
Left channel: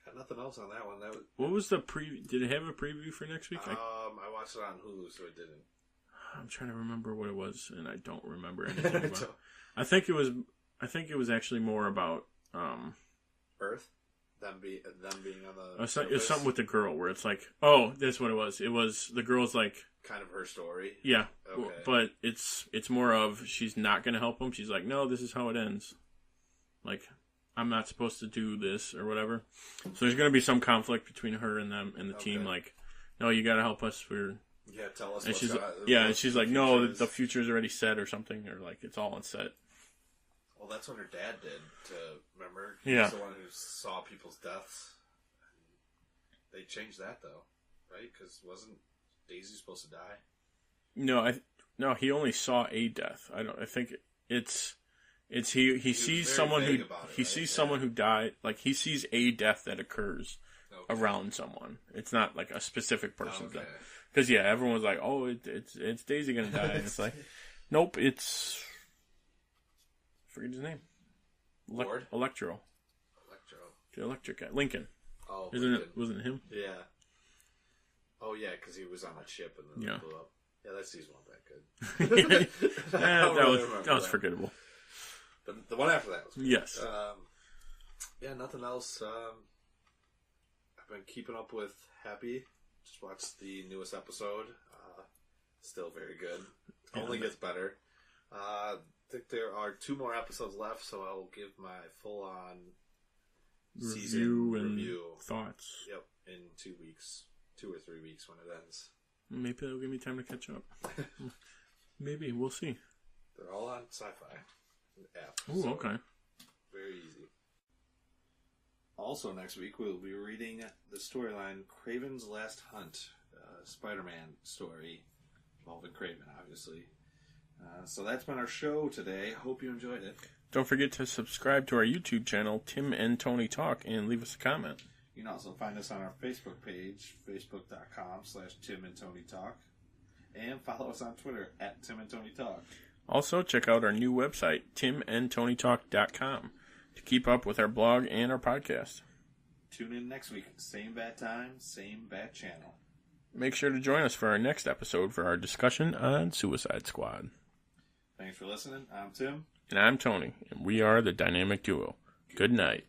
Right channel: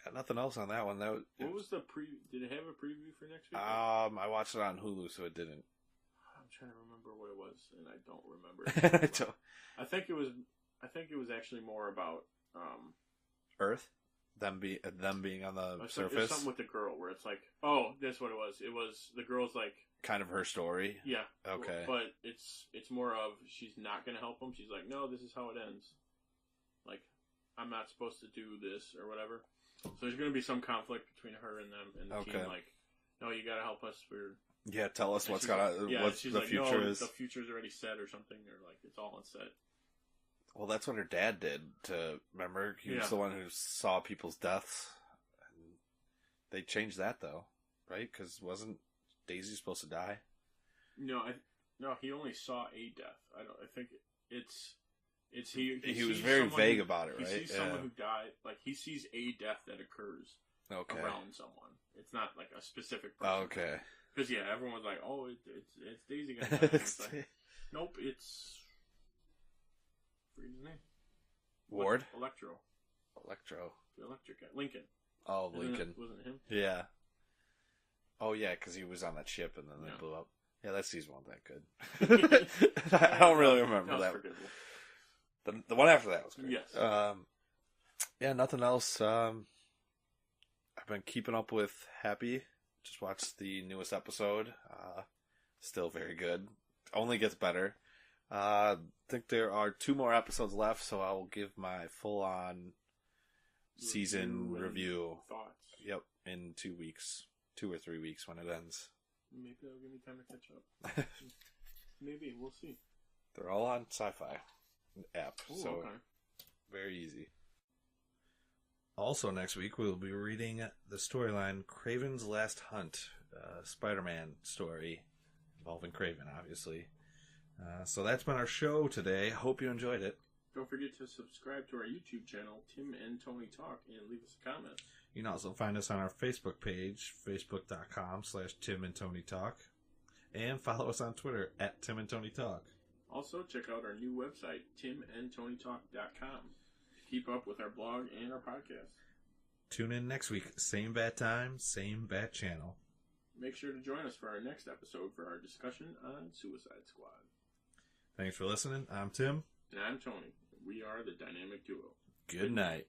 Got nothing else on that one. What was the preview? Did it have a preview for next week? I watched it on Hulu, so it didn't. I'm trying to remember what it was, and I don't remember anything about it. I think it was actually more about Earth. Them being on the surface. It was something with the girl where it's like, oh, that's what it was. It was the girl's like kind of her story. Yeah. Okay. But it's more of she's not going to help him. She's like, no, this is how it ends. Like, I'm not supposed to do this or whatever. So there's going to be some conflict between her and them and the team. Like, no, you got to help us. Tell us what's going on. Yeah, and she's like, no, the future's already set or something, or like it's all on set. Well, that's what her dad did. Remember, he was the one who saw people's deaths. And they changed that though, right? Because wasn't Daisy supposed to die? No, he only saw a death. I think it's he sees someone who he sees someone who died. Like he sees a death that occurs around someone. It's not like a specific person. Okay. Because everyone was like, oh, it's Daisy gonna die. And it's like, nope, it's. Forget his name. Ward? Electro. The electric guy. Lincoln. Oh, Lincoln. Wasn't it him? Yeah. Oh, yeah, because he was on that ship and then it blew up. Yeah, that season wasn't that good. I don't really remember that. That was forgettable. The one after that was good. Yes. Nothing else. I've been keeping up with Happy. Just watched the newest episode. Still very good. Only gets better. I think there are 2 more episodes left, so I will give my full-on season review thoughts. Yep, in 2 weeks, 2 or 3 weeks when it ends. Maybe that'll give me time to catch up. Maybe we'll see. They're all on Sci-Fi app. Ooh, so okay. Very easy. Also, next week we'll be reading the storyline Kraven's Last Hunt, Spider-Man story involving Kraven, obviously. So that's been our show today. Hope you enjoyed it. Don't forget to subscribe to our YouTube channel, Tim and Tony Talk, and leave us a comment. You can also find us on our Facebook page, facebook.com/Tim and Tony Talk, and follow us on Twitter @Tim and Tony Talk. Also, check out our new website, timandtonytalk.com, to keep up with our blog and our podcast. Tune in next week. Same bat time, same bat channel. Make sure to join us for our next episode for our discussion on Suicide Squad. Thanks for listening. I'm Tim. And I'm Tony. And we are the Dynamic Duo. Good night.